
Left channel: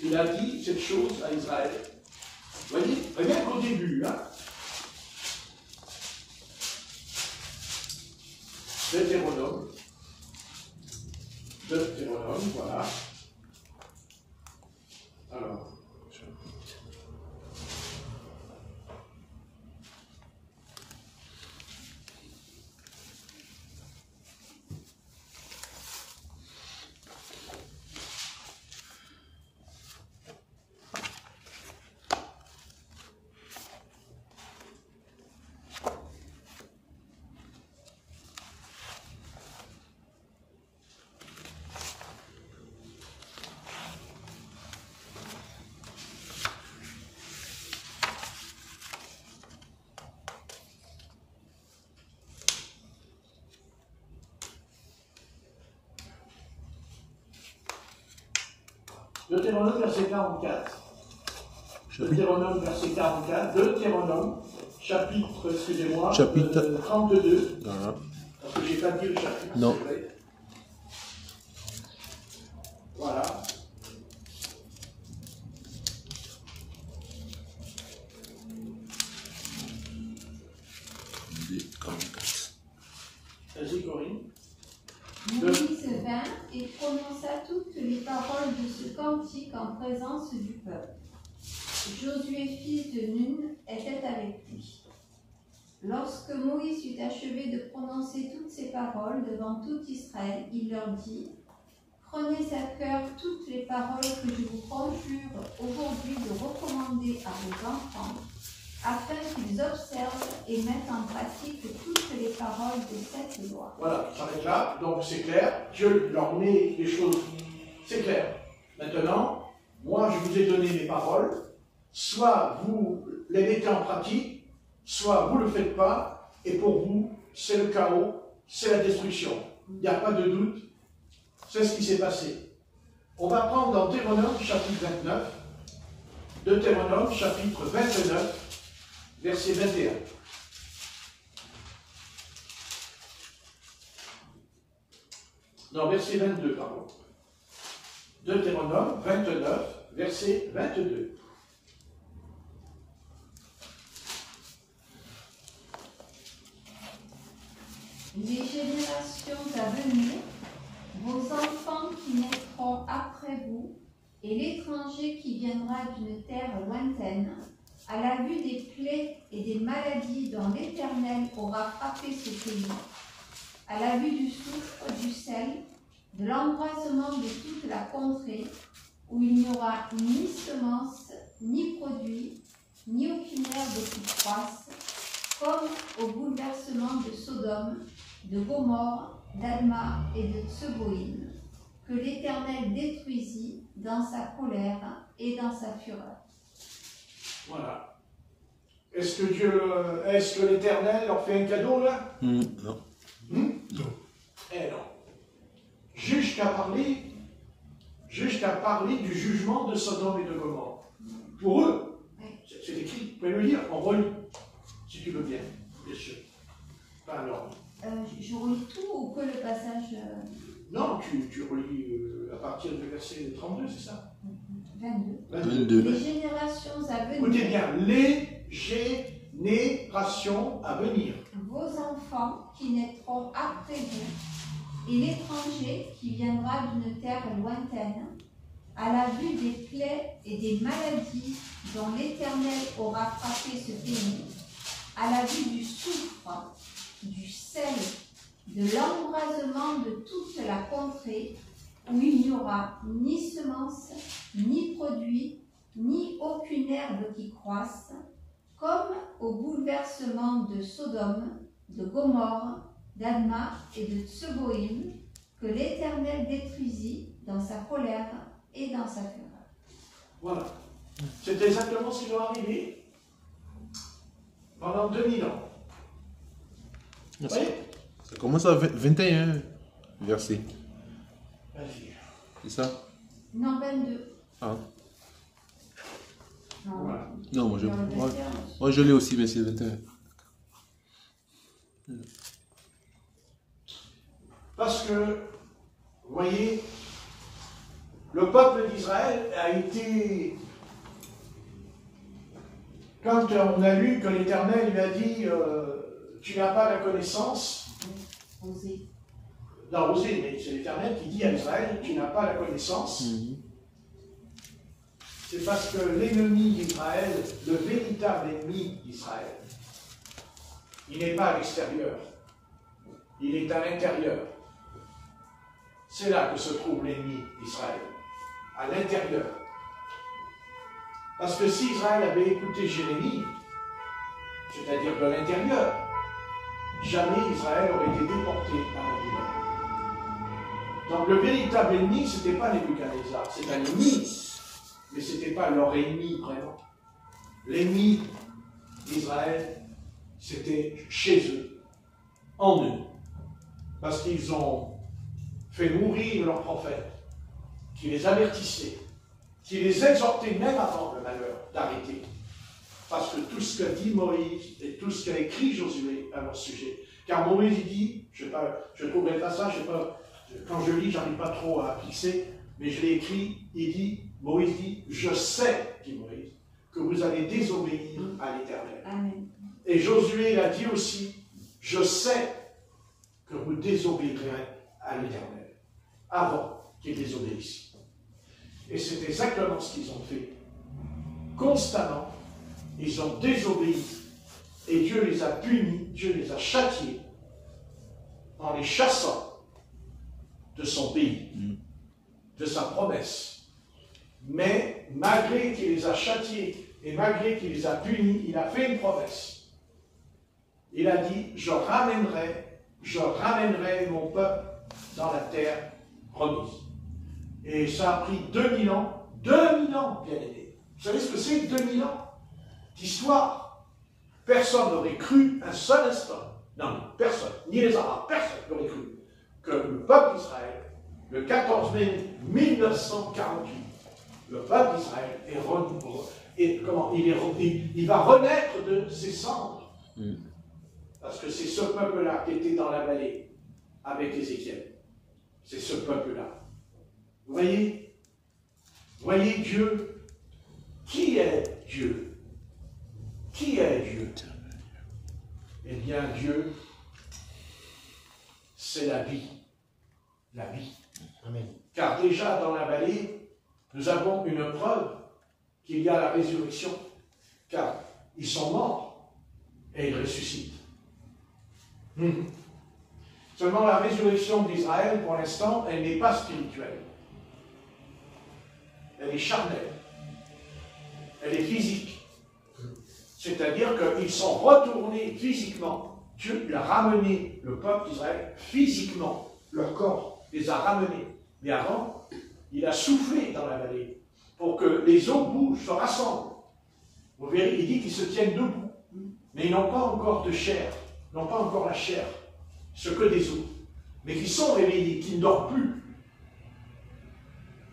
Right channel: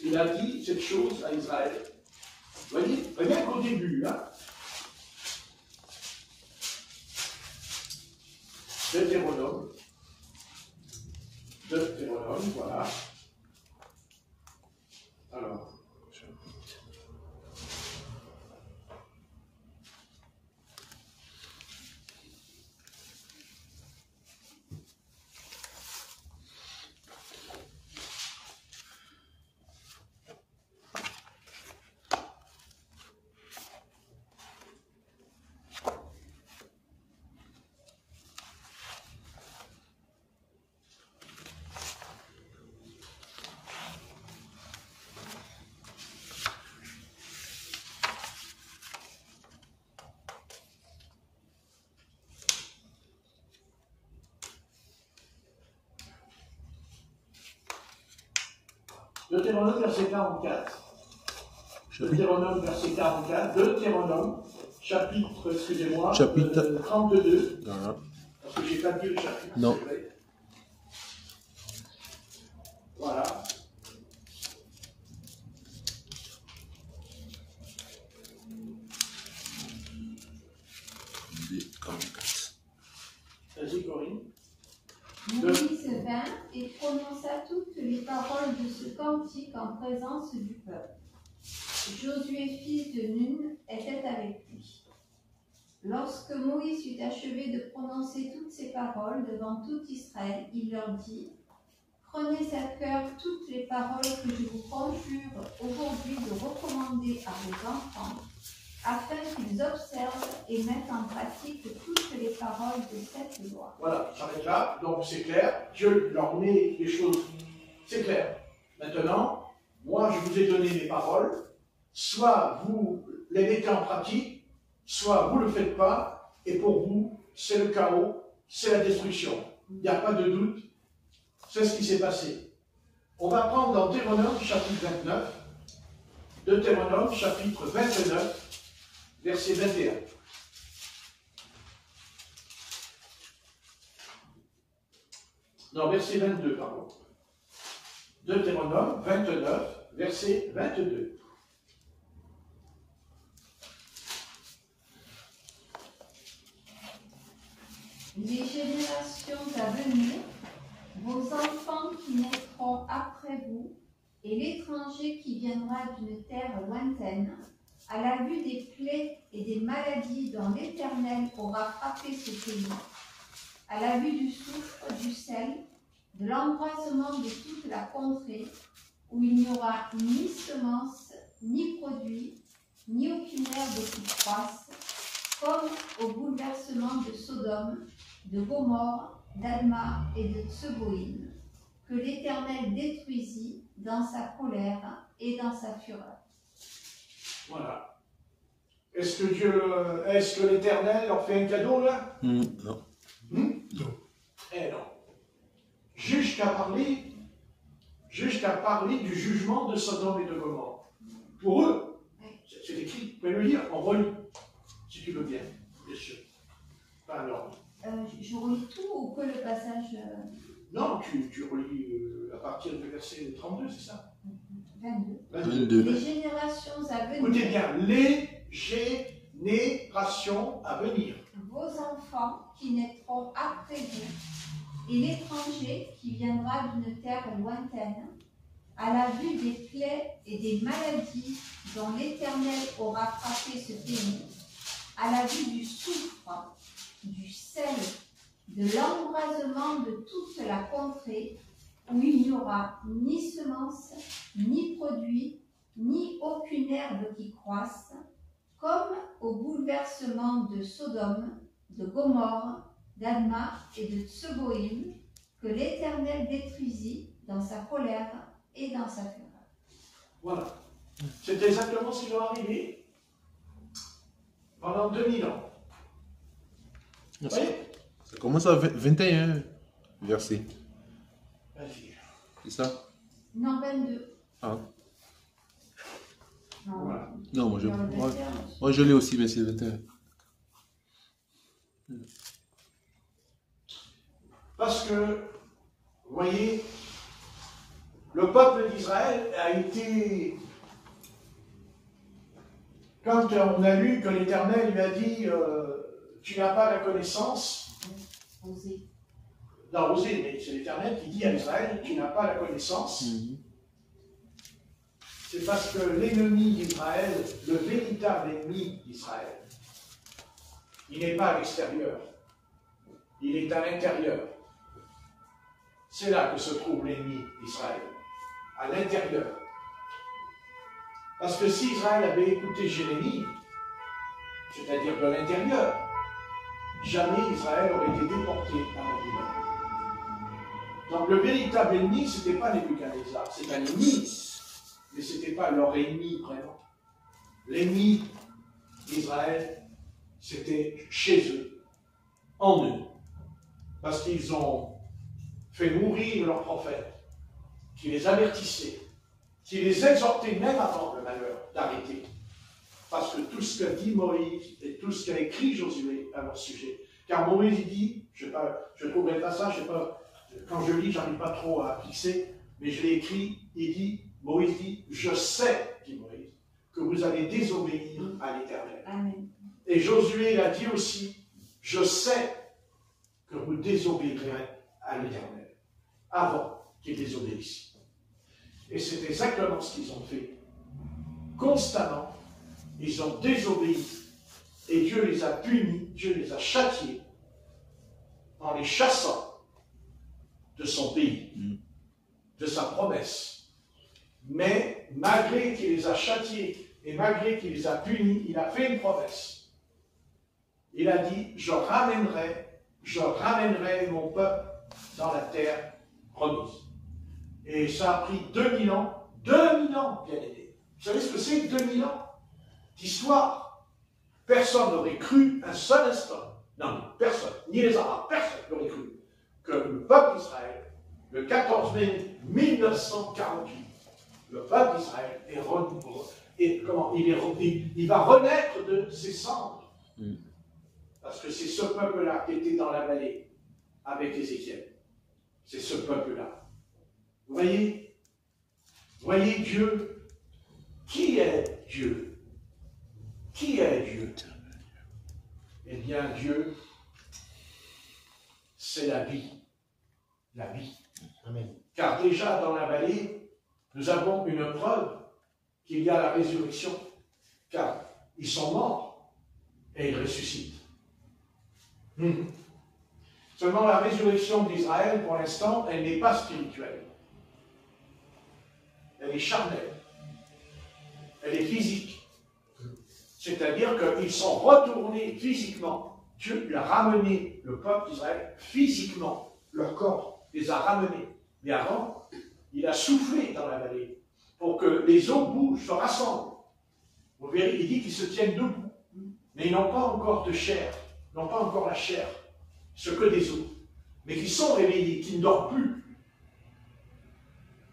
il a dit cette chose à Israël. Vous voyez, rien qu'au début, hein, Deutéronome. Deutéronome, voilà. Alors. Deutéronome, verset 44. Deutéronome, verset 44. Deutéronome, chapitre, excusez-moi, chapitre 32. Voilà. Parce que j'ai pas dit le chapitre. Non. Voilà. Vas-y, Corinne. Moïse vint et prononça toutes les paroles de ce cantique en présence du peuple. Josué, fils de Nun, était avec lui. Lorsque Moïse eut achevé de prononcer toutes ces paroles devant tout Israël, il leur dit : Prenez à cœur toutes les paroles que je vous conjure aujourd'hui de recommander à vos enfants, afin qu'ils observent et mettent en pratique toutes les paroles de cette loi. Voilà, ça s'arrête là, donc c'est clair. Dieu leur met les choses. C'est clair. Maintenant, moi je vous ai donné les paroles, soit vous les mettez en pratique, soit vous ne le faites pas, et pour vous, c'est le chaos, c'est la destruction. Il n'y a pas de doute, c'est ce qui s'est passé. On va prendre dans Deutéronome chapitre 29, Deutéronome chapitre 29, verset 21. Non, verset 22, pardon. Deutéronome 29, verset 22. Les générations à venir, vos enfants qui naîtront après vous, et l'étranger qui viendra d'une terre lointaine, à la vue des plaies et des maladies dont l'Éternel aura frappé ce pays, à la vue du soufre, du sel, de l'embrasement de toute la contrée, où il n'y aura ni semence, ni produit, ni aucune herbe qui croisse, comme au bouleversement de Sodome, de Gomorrhe, d'Adma et de Tseboïm, que l'Éternel détruisit dans sa colère et dans sa fureur. Voilà. Est-ce que l'Éternel leur fait un cadeau là? Non. Non. Eh non. Juste à parler du jugement de Sodome et de Gomorrhe. Pour eux, c'est écrit, tu peux le lire, on relit, si tu veux bien sûr. Alors. Je relis tout ou que le passage Non, tu relis à partir du verset 32, c'est ça? 22. Les générations à venir. Écoutez bien, les générations à venir. Vos enfants qui naîtront après vous, et l'étranger qui viendra d'une terre lointaine, à la vue des plaies et des maladies dont l'Éternel aura frappé ce pays, à la vue du soufre, du sel, de l'embrasement de toute la contrée, où il n'y aura ni semence, ni produit, ni aucune herbe qui croisse, comme au bouleversement de Sodome, de Gomorrhe, d'Adma et de Tseboïm, que l'Éternel détruisit dans sa colère et dans sa fureur. Voilà. C'est exactement ce qui va arriver pendant 2000 ans. Oui. Ça commence à 21 versets. Vas-y. C'est ça? Non, 22. Ah. Non, Voilà. Non, moi verset 11. moi je l'ai aussi, mais c'est 21. Parce que, vous voyez, le peuple d'Israël a été... Quand on a lu que l'Éternel lui a dit tu n'as pas la connaissance, Osée. dans Osée, mais c'est l'Éternel qui dit à Israël, tu n'as pas la connaissance. C'est parce que l'ennemi d'Israël, le véritable ennemi d'Israël, il n'est pas à l'extérieur, il est à l'intérieur. C'est là que se trouve l'ennemi d'Israël, à l'intérieur. Parce que si Israël avait écouté Jérémie, c'est-à-dire de l'intérieur, jamais Israël aurait été déporté à Babylone. Donc le véritable ennemi, ce n'était pas Nebuchadnezzar, c'est un ennemi, mais ce n'était pas leur ennemi vraiment. L'ennemi d'Israël, c'était chez eux, en eux, parce qu'ils ont fait mourir leurs prophètes, qui les avertissaient, qui les exhortaient même avant le malheur d'arrêter. Parce que tout ce que dit Moïse et tout ce qu'a écrit Josué à leur sujet, car Moïse il dit, je trouverai le passage, quand je lis, je n'arrive pas trop à fixer, mais je l'ai écrit, Moïse dit, je sais, dit Moïse, que vous allez désobéir à l'Éternel. Et Josué a dit aussi, je sais que vous désobéirez à l'Éternel, avant qu'ils désobéissent. Et c'est exactement ce qu'ils ont fait. Constamment, ils ont désobéi, et Dieu les a punis, Dieu les a châtiés, en les chassant de son pays, de sa promesse. Mais malgré qu'il les a châtiés, et malgré qu'il les a punis, il a fait une promesse. Il a dit, je ramènerai mon peuple dans la terre promise. Et ça a pris 2000 ans, bien aimé. Vous savez ce que c'est 2000 ans d'histoire? Personne n'aurait cru un seul instant, non, personne, ni les Arabes, personne n'aurait cru que le peuple d'Israël, le 14 mai 1948, le peuple d'Israël il va renaître de ses cendres. Parce que c'est ce peuple-là qui était dans la vallée avec Ézéchiel. C'est ce peuple-là. Vous voyez Dieu. Qui est Dieu? Qui est Dieu? Eh bien, Dieu, c'est la vie. La vie. Amen. Car déjà dans la vallée, nous avons une preuve qu'il y a la résurrection. Car ils sont morts et ils ressuscitent. Seulement la résurrection d'Israël, pour l'instant, elle n'est pas spirituelle. Elle est charnelle. Elle est physique. C'est-à-dire qu'ils sont retournés physiquement. Dieu a ramené le peuple d'Israël physiquement. Leur corps les a ramenés. Mais avant, il a soufflé dans la vallée pour que les eaux bougent, se rassemblent. Vous verrez, il dit qu'ils se tiennent debout. Mais ils n'ont pas encore de chair. Ils n'ont pas encore la chair. Ce que des os. Mais qui sont réveillés, qui ne dorment plus.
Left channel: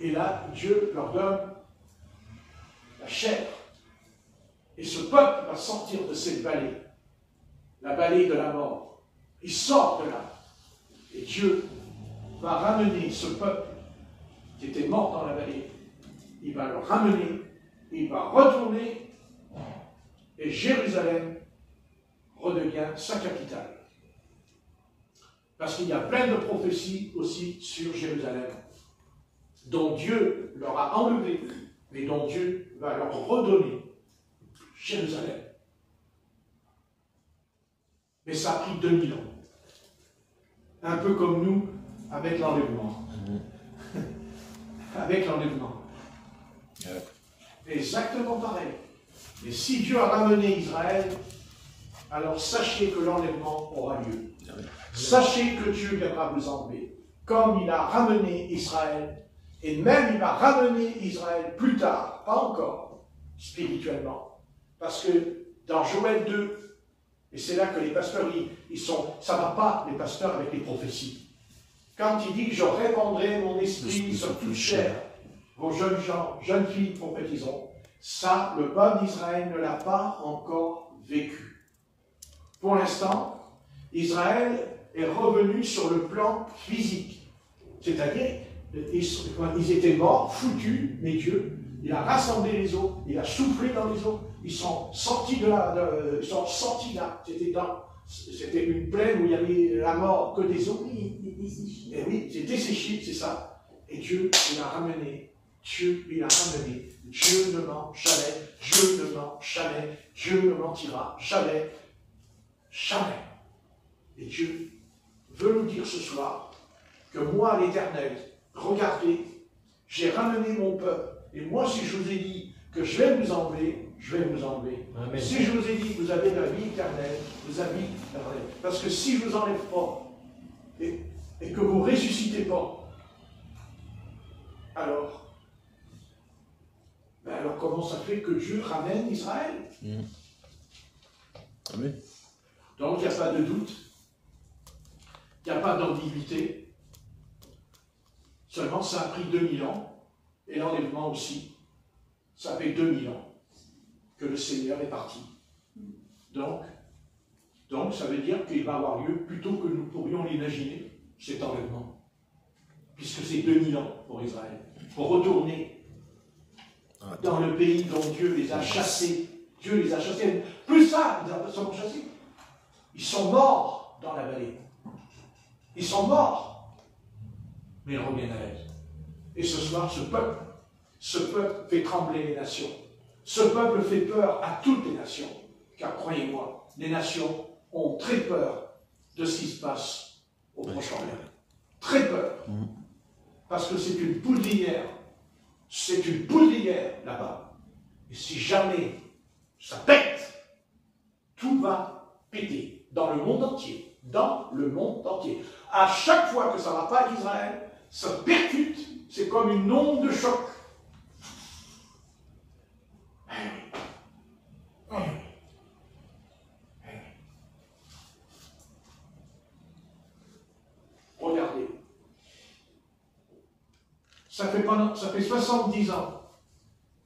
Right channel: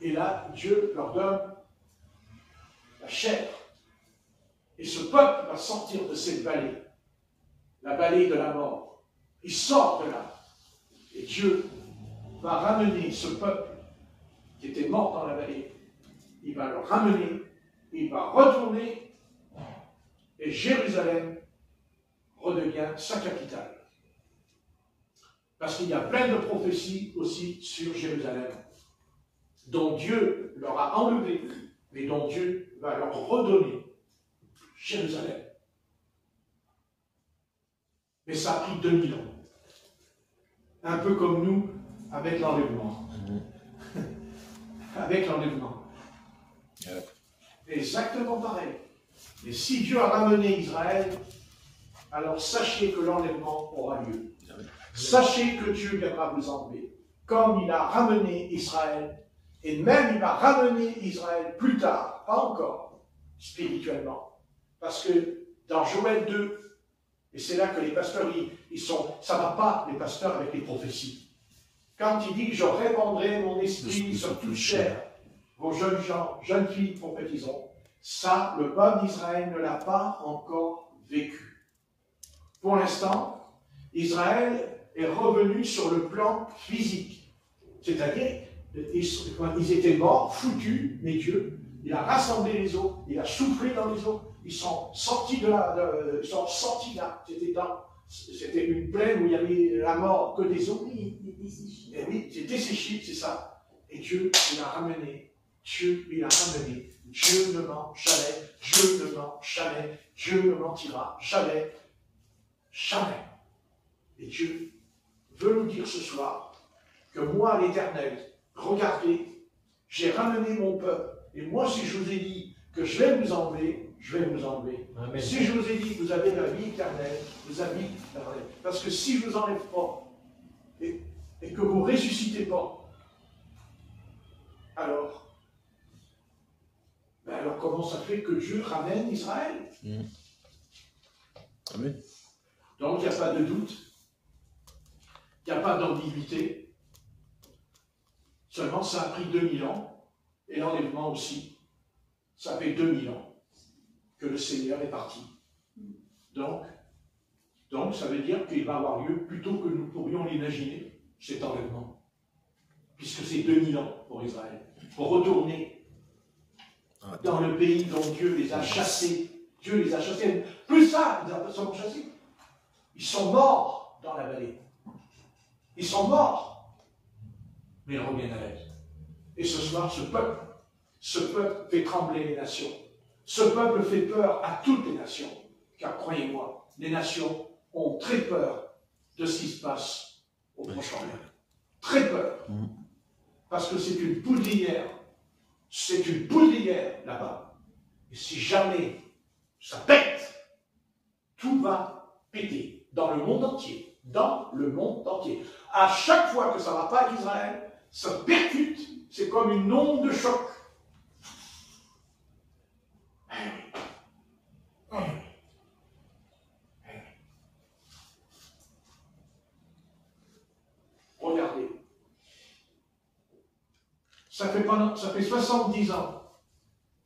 Et là, Dieu leur donne la chair. Et ce peuple va sortir de cette vallée, la vallée de la mort. Il sort de là. Et Dieu va ramener ce peuple qui était mort dans la vallée. Il va le ramener, il va retourner, et Jérusalem redevient sa capitale. Parce qu'il y a plein de prophéties aussi sur Jérusalem, dont Dieu leur a enlevé, mais dont Dieu va leur redonner Jérusalem. Mais ça a pris 2000 ans. Un peu comme nous, avec l'enlèvement. Avec l'enlèvement. Exactement pareil. Et si Dieu a ramené Israël, alors sachez que l'enlèvement aura lieu. Sachez que Dieu viendra vous enlever. Comme il a ramené Israël, et même il va ramener Israël plus tard, pas encore, spirituellement. Parce que dans Joël 2, et c'est là que les pasteurs, ça ne va pas, les pasteurs, avec les prophéties. Quand il dit que je répandrai mon esprit sur toute chair, vos jeunes gens, jeunes filles prophétiseront, ça, le peuple d'Israël ne l'a pas encore vécu. Pour l'instant, Israël est revenu sur le plan physique. C'est-à-dire, ils étaient morts, foutus, mais Dieu, il a rassemblé les eaux, il a soufflé dans les eaux, ils sont sortis de là, ils sont sortis là, c'était une plaine où il y avait la mort, que des eaux. Oui, il était desséché. Et oui, c'est desséché, c'est ça. Et Dieu, il a ramené. Dieu, il a ramené. Dieu ne ment jamais. Dieu ne ment jamais. Dieu ne mentira jamais. Jamais. Et Dieu veut nous dire ce soir que moi, l'Éternel, regardez, j'ai ramené mon peuple. Et moi, si je vous ai dit que je vais vous enlever, je vais vous enlever. Amen. Si je vous ai dit que vous avez la vie éternelle, vous avez la vraie. Parce que si je ne vous enlève pas, et que vous ne ressuscitez pas, alors comment ça fait que Dieu ramène Israël? Amen. Donc il n'y a pas de doute, il n'y a pas d'ambiguïté, seulement ça a pris 2000 ans, et l'enlèvement aussi, ça fait 2000 ans que le Seigneur est parti. Donc ça veut dire qu'il va avoir lieu plus tôt que nous pourrions l'imaginer, cet enlèvement, puisque c'est 2000 ans pour Israël, pour retourner dans le pays dont Dieu les a chassés. Dieu les a chassés. Plus ça, ils sont chassés. Ils sont morts dans la vallée. Ils sont morts. Mais ils reviennent à la vie. Et ce soir, ce peuple fait trembler les nations. Ce peuple fait peur à toutes les nations. Car croyez-moi, les nations ont très peur de ce qui se passe au Proche-Orient. Très peur. Parce que c'est une poudrière. C'est une poudrière là-bas. Et si jamais ça pète, tout va péter dans le monde entier. Dans le monde entier. À chaque fois que ça ne va pas avec Israël, ça percute. C'est comme une onde de choc. Regardez. Ça fait 70 ans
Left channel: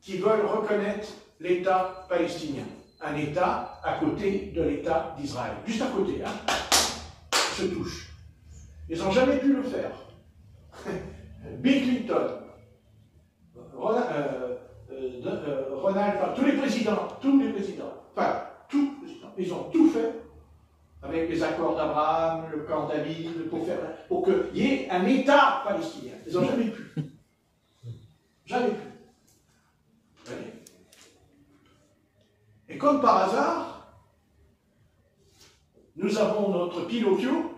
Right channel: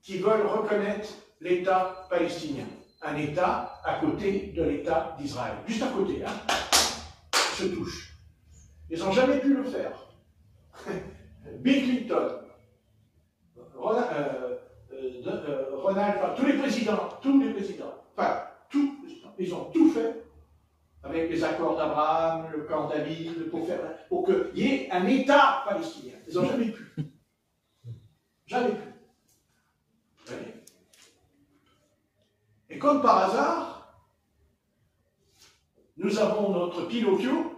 qu'ils veulent reconnaître l'État palestinien. Un État à côté de l'État d'Israël. Juste à côté, là. Ils se touchent. Ils n'ont jamais pu le faire. Bill Clinton, Ronald, tous les présidents, enfin, ils ont tout fait avec les accords d'Abraham, le camp David, pour qu'il y ait un État palestinien. Ils n'ont jamais pu. Jamais pu. Jamais. Et comme par hasard, nous avons notre Pinocchio.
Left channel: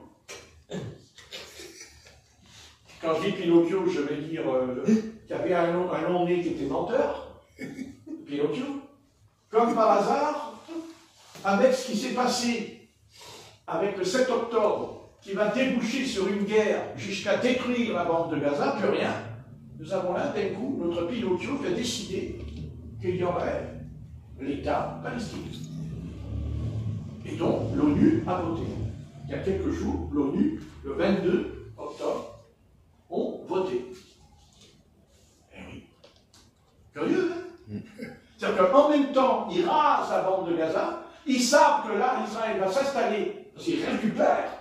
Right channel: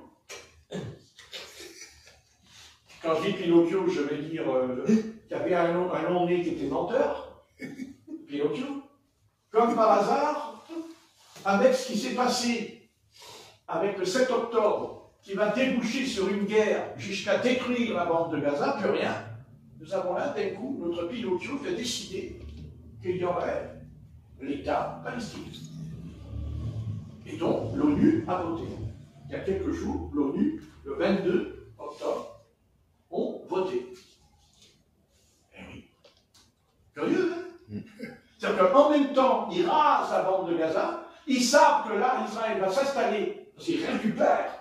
Quand je dis Pinocchio, je vais dire qu'il y avait un long nez qui était menteur. Pinocchio. Comme par hasard, avec ce qui s'est passé avec le 7 octobre, qui va déboucher sur une guerre jusqu'à détruire la bande de Gaza, plus rien. Nous avons là, d'un coup, notre Pinocchio qui a décidé qu'il y aurait l'État palestinien. Et donc, l'ONU a voté. Il y a quelques jours, l'ONU, le 22 octobre, ont voté. Eh oui. Curieux, hein? C'est-à-dire qu'en même temps, ils rasent la bande de Gaza, ils savent que là, Israël va s'installer, parce qu'ils récupèrent.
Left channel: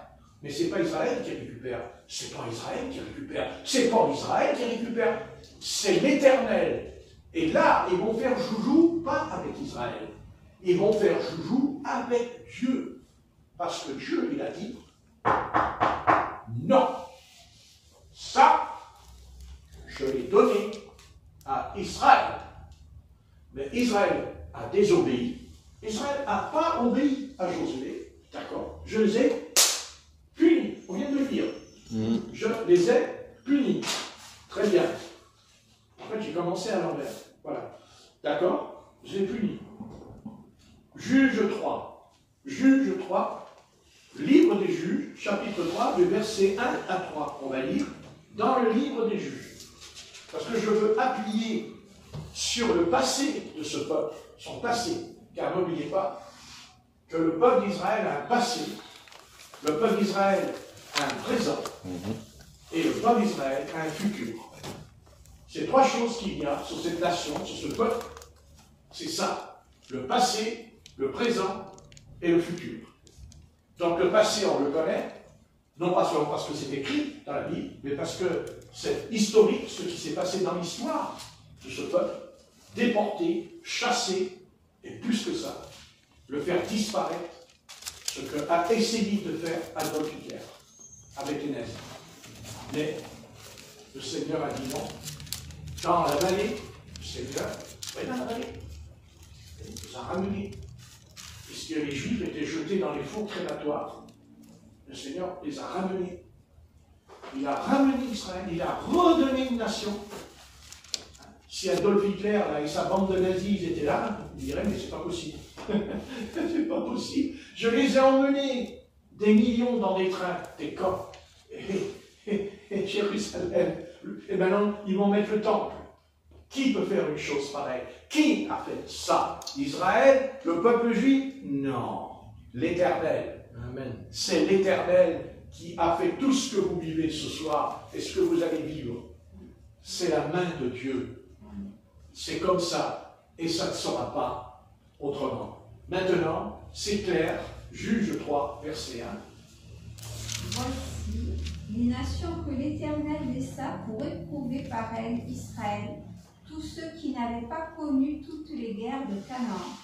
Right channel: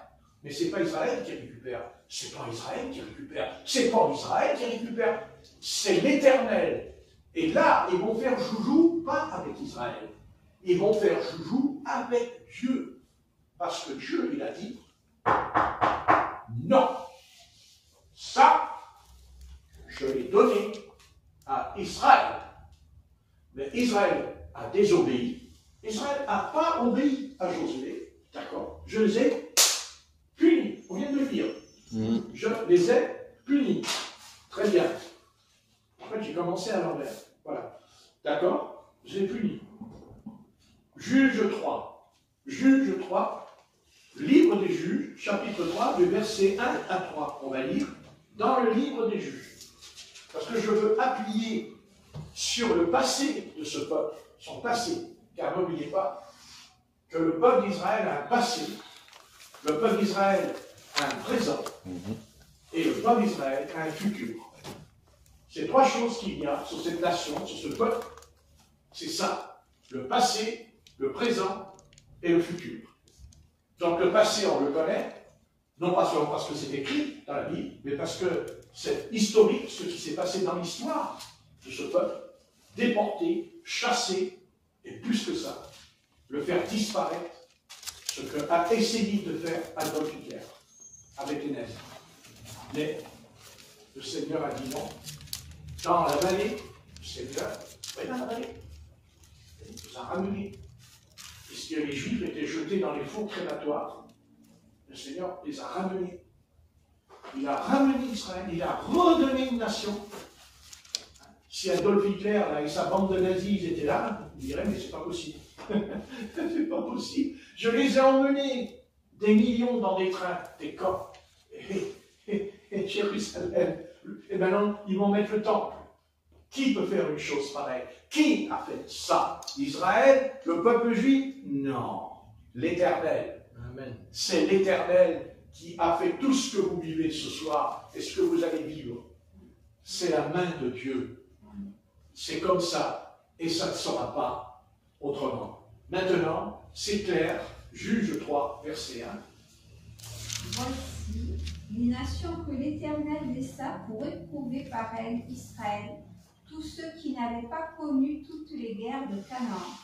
Mais ce n'est pas Israël qui récupère, c'est pas Israël qui récupère, c'est pas Israël qui récupère, c'est l'Éternel. Et là, ils vont faire joujou, pas avec Israël, ils vont faire joujou avec Dieu. Parce que Dieu, il a dit, non, ça, je l'ai donné à Israël. Mais Israël a désobéi. Israël n'a pas obéi à Josué. D'accord? Je les ai punis. On vient de le dire. Je les ai punis. Très bien. En fait, j'ai commencé à l'envers. Voilà. D'accord? Je les ai punis. Juge 3. Juge 3. Livre des Juges, chapitre 3, du verset 1 à 3. On va lire dans le livre des Juges. Parce que je veux appuyer sur le passé de ce peuple, son passé. Car n'oubliez pas que le peuple d'Israël a un passé, le peuple d'Israël a un présent, et le peuple d'Israël a un futur. C'est trois choses qu'il y a sur cette nation, sur ce peuple. C'est ça, le passé, le présent et le futur. Donc le passé, on le connaît, non pas seulement parce que c'est écrit dans la Bible, mais parce que c'est historique, ce qui s'est passé dans l'histoire de ce peuple, déporté, chassé, et plus que ça, le faire disparaître ce qu'a essayé de faire Adolf Hitler avec les nazis. Mais le Seigneur a dit non. Dans la vallée, le Seigneur, oui, dans la vallée, il les a ramenés. Puisque les Juifs étaient jetés dans les fours crématoires, le Seigneur les a ramenés. Il a ramené Israël, il a redonné une nation. Si Adolf Hitler et sa bande de nazis ils étaient là, on dirait, mais c'est pas possible. C'est pas possible. Je les ai emmenés, des millions dans des trains, des camps, et Jérusalem. Et maintenant, ils vont mettre le temple. Qui peut faire une chose pareille? Qui a fait ça? Israël? Le peuple juif? Non. L'Éternel. Amen. C'est l'Éternel qui a fait tout ce que vous vivez ce soir et ce que vous allez vivre. C'est la main de Dieu. C'est comme ça et ça ne sera pas autrement. Maintenant, c'est clair. Juge 3, verset 1. Voici les nations que l'Éternel laissa pour éprouver par elles Israël, tous ceux qui n'avaient pas connu toutes les guerres de Canaan.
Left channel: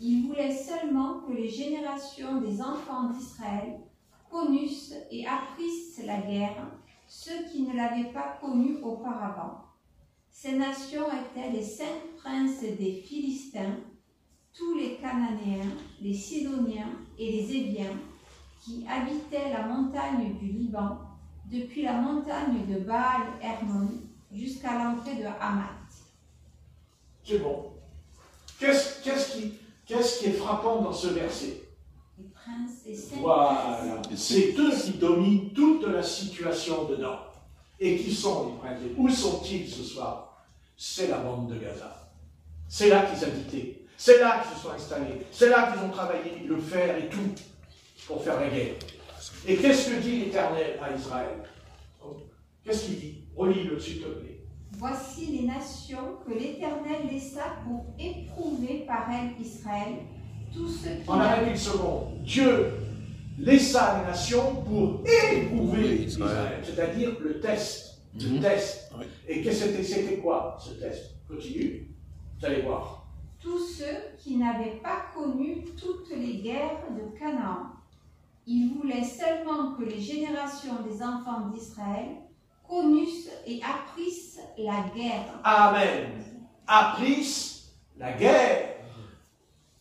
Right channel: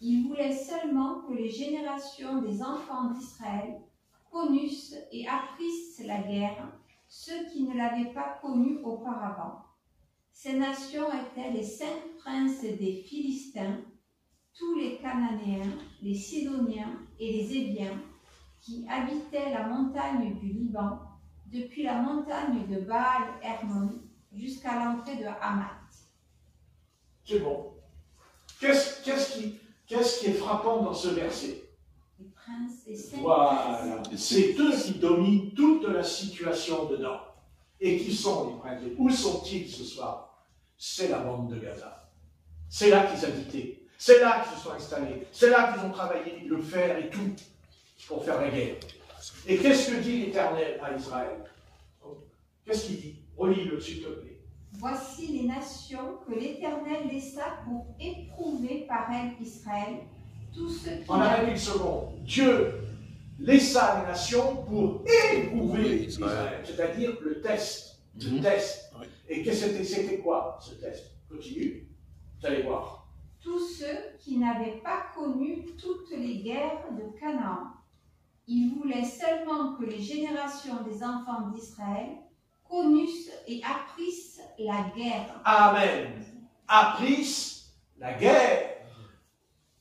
Il voulait seulement que les générations des enfants d'Israël connussent et apprissent la guerre, ceux qui ne l'avaient pas connue auparavant. Ces nations étaient les 5 princes des Philistins, tous les Cananéens, les Sidoniens et les Éviens, qui habitaient la montagne du Liban, depuis la montagne de Baal-Hermon jusqu'à l'entrée de Hamath. C'est bon. Qu'est-ce qui est frappant dans ce verset? Les princes des 5 Voilà. princes. C'est eux qui dominent toute la situation dedans. Et qui sont les princes? Où sont-ils ce soir? C'est la bande de Gaza. C'est là qu'ils habitaient. C'est là qu'ils se sont installés. C'est là qu'ils ont travaillé le fer et tout pour faire la guerre. Et qu'est-ce que dit l'Éternel à Israël? Qu'est-ce qu'il dit? Relis-le, s'il te plaît. Voici les nations que l'Éternel laissa pour éprouver par elles Israël, tous ceux qui On arrête une seconde. Dieu laissa les nations pour éprouver Israël, c'est-à-dire le test. Le test. Oui. Et c'était quoi ce test? Continue, vous allez voir. tous ceux qui n'avaient pas connu toutes les guerres de Canaan. Il voulait seulement que les générations des enfants d'Israël connussent et apprissent la guerre. Amen. Apprissent la guerre.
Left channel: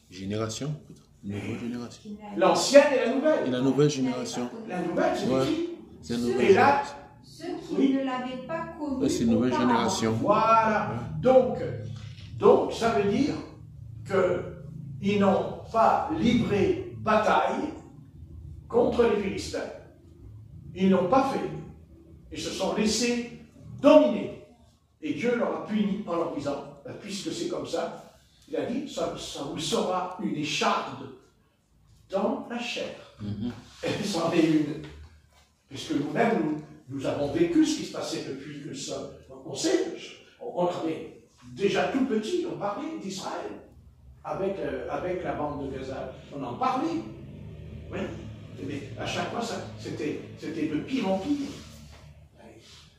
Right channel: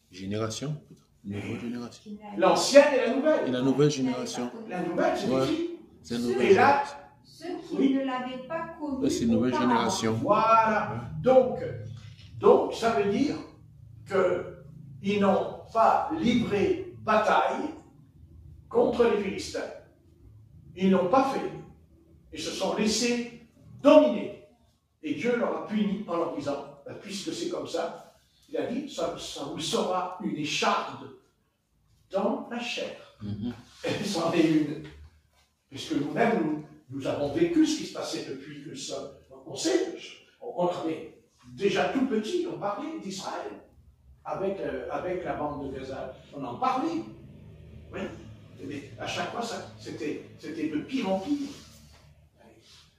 Génération, nouvelle génération. L'ancienne et la nouvelle. Et la nouvelle génération. La nouvelle, c'est Ouais. qui? C'est une Ceux- nouvelle Et là, Ceux qui Oui. ne l'avaient pas connu. C'est une nouvelle auparavant. génération. voilà. Donc, ça veut dire qu'ils n'ont pas livré bataille contre les Philistins. Ils n'ont pas fait. Ils se sont laissés dominer. Et Dieu leur a puni en leur disant, puisque c'est comme ça, il a dit, ça vous sera une écharde dans la chair. Et c'en est une. Puisque nous-mêmes, nous avons vécu ce qui se passait depuis que ça. On sait, on avait déjà tout petit, on parlait d'Israël avec la bande de Gaza. On en parlait. Oui. Mais à chaque fois, c'était de pire en pire.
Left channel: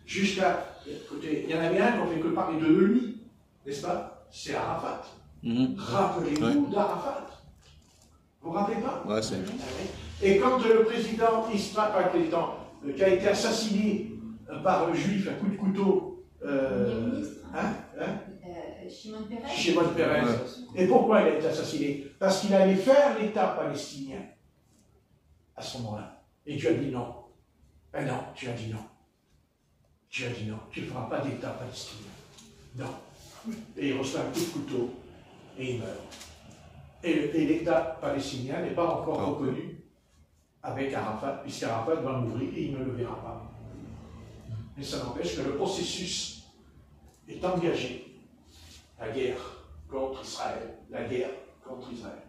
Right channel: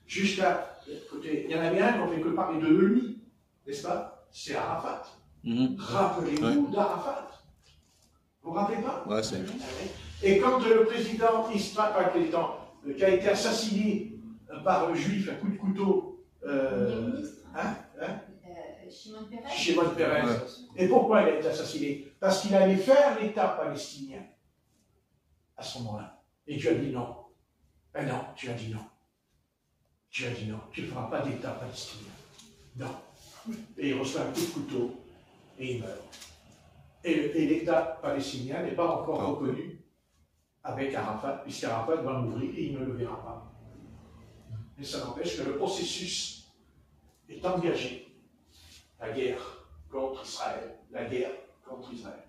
Jusqu'à. Écoutez, il y en avait un qu'on fait que parler de lui, n'est-ce pas? C'est Arafat. Rappelez-vous d'Arafat. Vous ne vous rappelez pas? Ouais, c'est. Et quand le président qui a été assassiné par le juif à coup de couteau, Premier ministre, Shimon Peres. Shimon Peres. Et pourquoi il a été assassiné? Parce qu'il allait faire l'État palestinien à ce moment-là. Et Dieu a dit non. Eh non, tu as dit non. Tu as dit non. Tu ne feras pas d'État palestinien. Non. Et il reçoit un coup de couteau et il meurt. Et l'État palestinien n'est pas encore reconnu avec Arafat, puisqu'Arafat va mourir et il ne le verra pas. Mais ça n'empêche que le processus est engagé. La guerre contre Israël. La guerre contre Israël.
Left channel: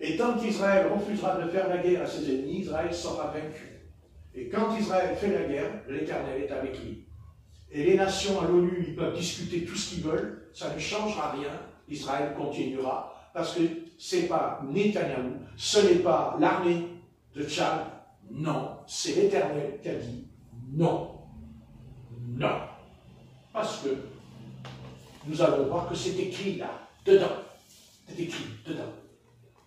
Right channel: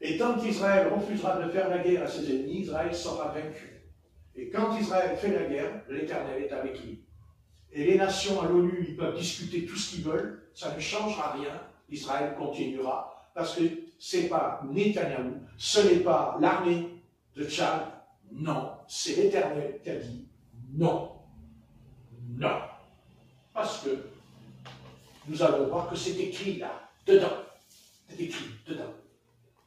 Et tant qu'Israël refusera de faire la guerre à ses ennemis, Israël sera vaincu. Et quand Israël fait la guerre, l'Éternel est avec lui. Et les nations à l'ONU, ils peuvent discuter tout ce qu'ils veulent, ça ne changera rien. Israël continuera, parce que ce n'est pas Netanyahou, ce n'est pas l'armée de Tchad, non, c'est l'Éternel qui a dit non. Non. Parce que nous allons voir que c'est écrit là, dedans. C'est écrit dedans.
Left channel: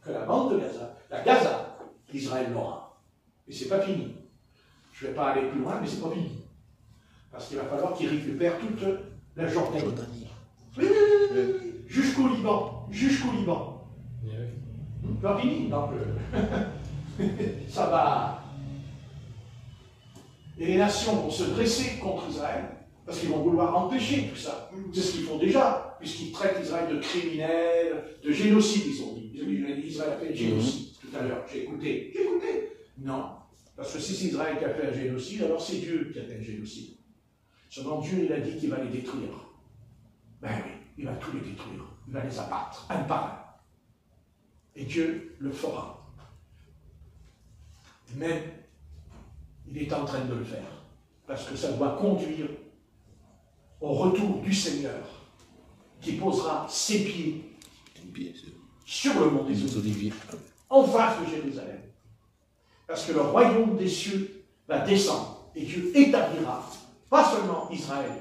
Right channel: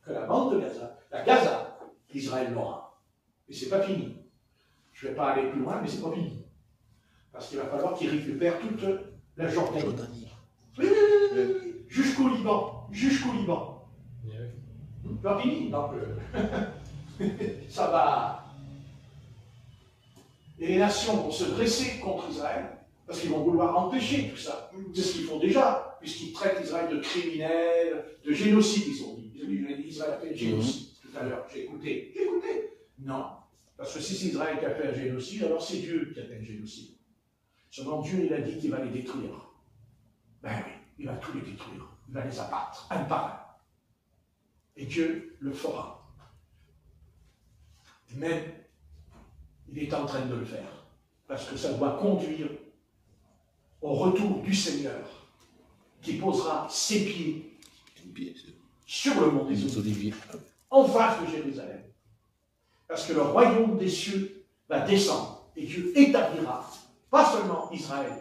Que la bande de Gaza, La Gaza, Israël l'aura. Et c'est pas fini. Je ne vais pas aller plus loin, mais c'est pas fini. Parce qu'il va falloir qu'il récupère toute la Jordanie. Oui, oui, oui, oui. Jusqu'au Liban. Jusqu'au Liban. Pas fini, donc ça va. Et les nations vont se dresser contre Israël, parce qu'ils vont vouloir empêcher tout ça. C'est ce qu'ils font déjà, puisqu'ils traitent Israël de criminel, de génocide, ils ont dit. Israël a fait génocide tout à l'heure. J'ai écouté. Non. Parce que si c'est Israël qui a fait un génocide, alors c'est Dieu qui a fait un génocide. Selon Dieu, il a dit qu'il va les détruire. Ben oui, il va tous les détruire. Il va les abattre, un par un. Et Dieu le fera. Même, il est en train de le faire. Parce que ça doit conduire au retour du Seigneur, qui posera ses pieds sur le mont des Oliviers, en face de Jérusalem. Parce que le royaume des cieux va descendre, et Dieu établira, pas seulement Israël,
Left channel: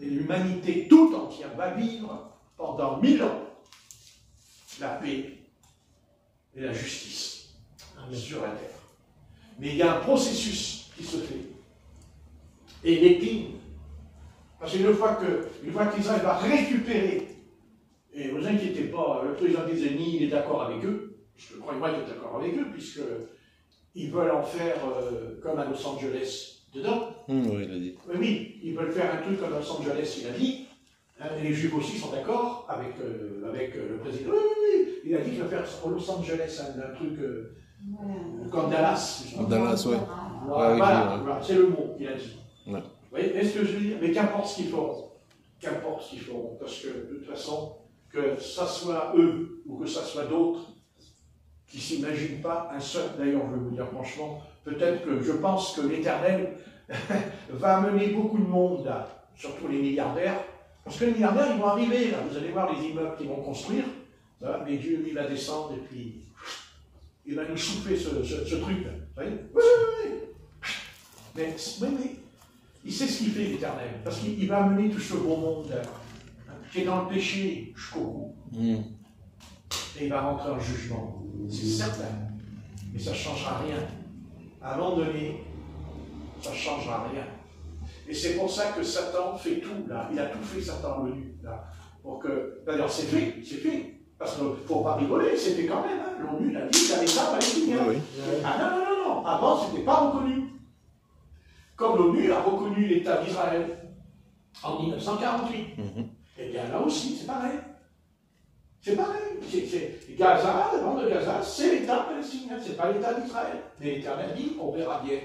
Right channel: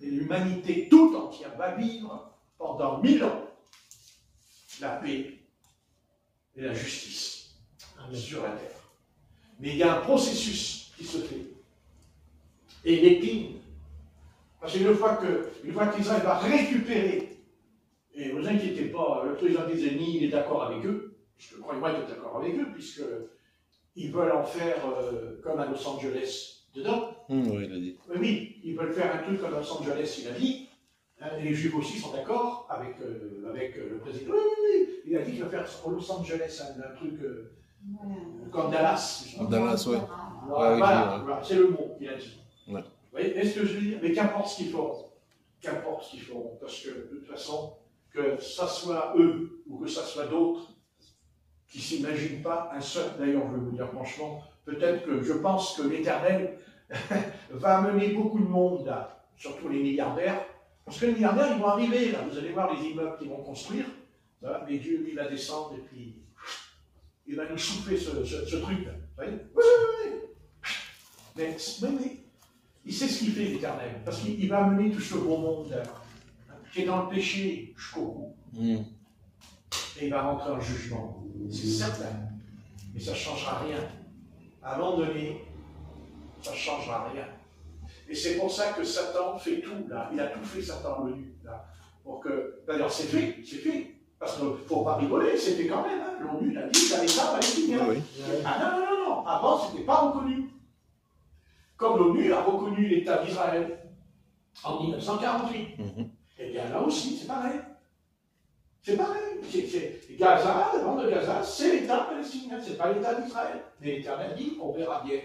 mais l'humanité tout entière va vivre pendant 1000 ans la paix et la justice sur la terre. Mais il y a un processus qui se fait. Et l'épine, parce qu'une fois qu'Israël va récupérer, et ne vous inquiétez pas, le président des ennemis, il est d'accord avec eux, parce que croyez-moi, il est d'accord avec eux, puisqu'ils veulent en faire comme à Los Angeles dedans. Oui, il a dit. Oui, ils veulent faire un truc comme à Los Angeles, il a dit. Et les Juifs aussi sont d'accord avec le président. Oui, il a dit qu'il va faire au Los Angeles un truc comme Dallas. Dallas, ouais. Voilà, c'est le mot qu'il a dit. Ouais. Vous voyez, est-ce que je veux dire? Mais qu'importe ce qu'ils feront. Qu'importe ce qu'ils feront. Parce que de toute façon, que ça soit eux ou que ça soit d'autres qui ne s'imaginent pas un seul. D'ailleurs, je vais vous dire franchement, peut-être que je pense que l'Éternel va amener beaucoup de monde là, surtout les milliardaires. Parce que les milliardaires, ils vont arriver, là. Vous allez voir les immeubles qu'ils vont construire. Ça, mais Dieu, il va descendre et puis il va nous souffler ce truc-là. Vous voyez? Oui. Mais il sait ce qu'il fait, l'Éternel. Parce qu'il va amener tout ce beau monde là, qui est dans le péché jusqu'au bout. Et il va rentrer en jugement. C'est certain. Mais ça ne changera rien. À un moment donné, ça ne changera rien. Et c'est pour ça que Satan fait tout, là. Il a tout fait, Satan, l'ONU, là. Pour que, d'ailleurs, c'est fait. Parce qu'il ne faut pas rigoler, c'était quand même, hein. L'ONU l'a dit, ça l'État palestinien. Oui. Ah non. Avant, ce n'était pas reconnu. Comme l'ONU a reconnu l'État d'Israël en 1948. Et bien là aussi, c'est pareil. Gaza, le nom de Gaza, c'est l'État palestinien, ce n'est pas l'État d'Israël. Mais l'Éternel dit, on verra bien.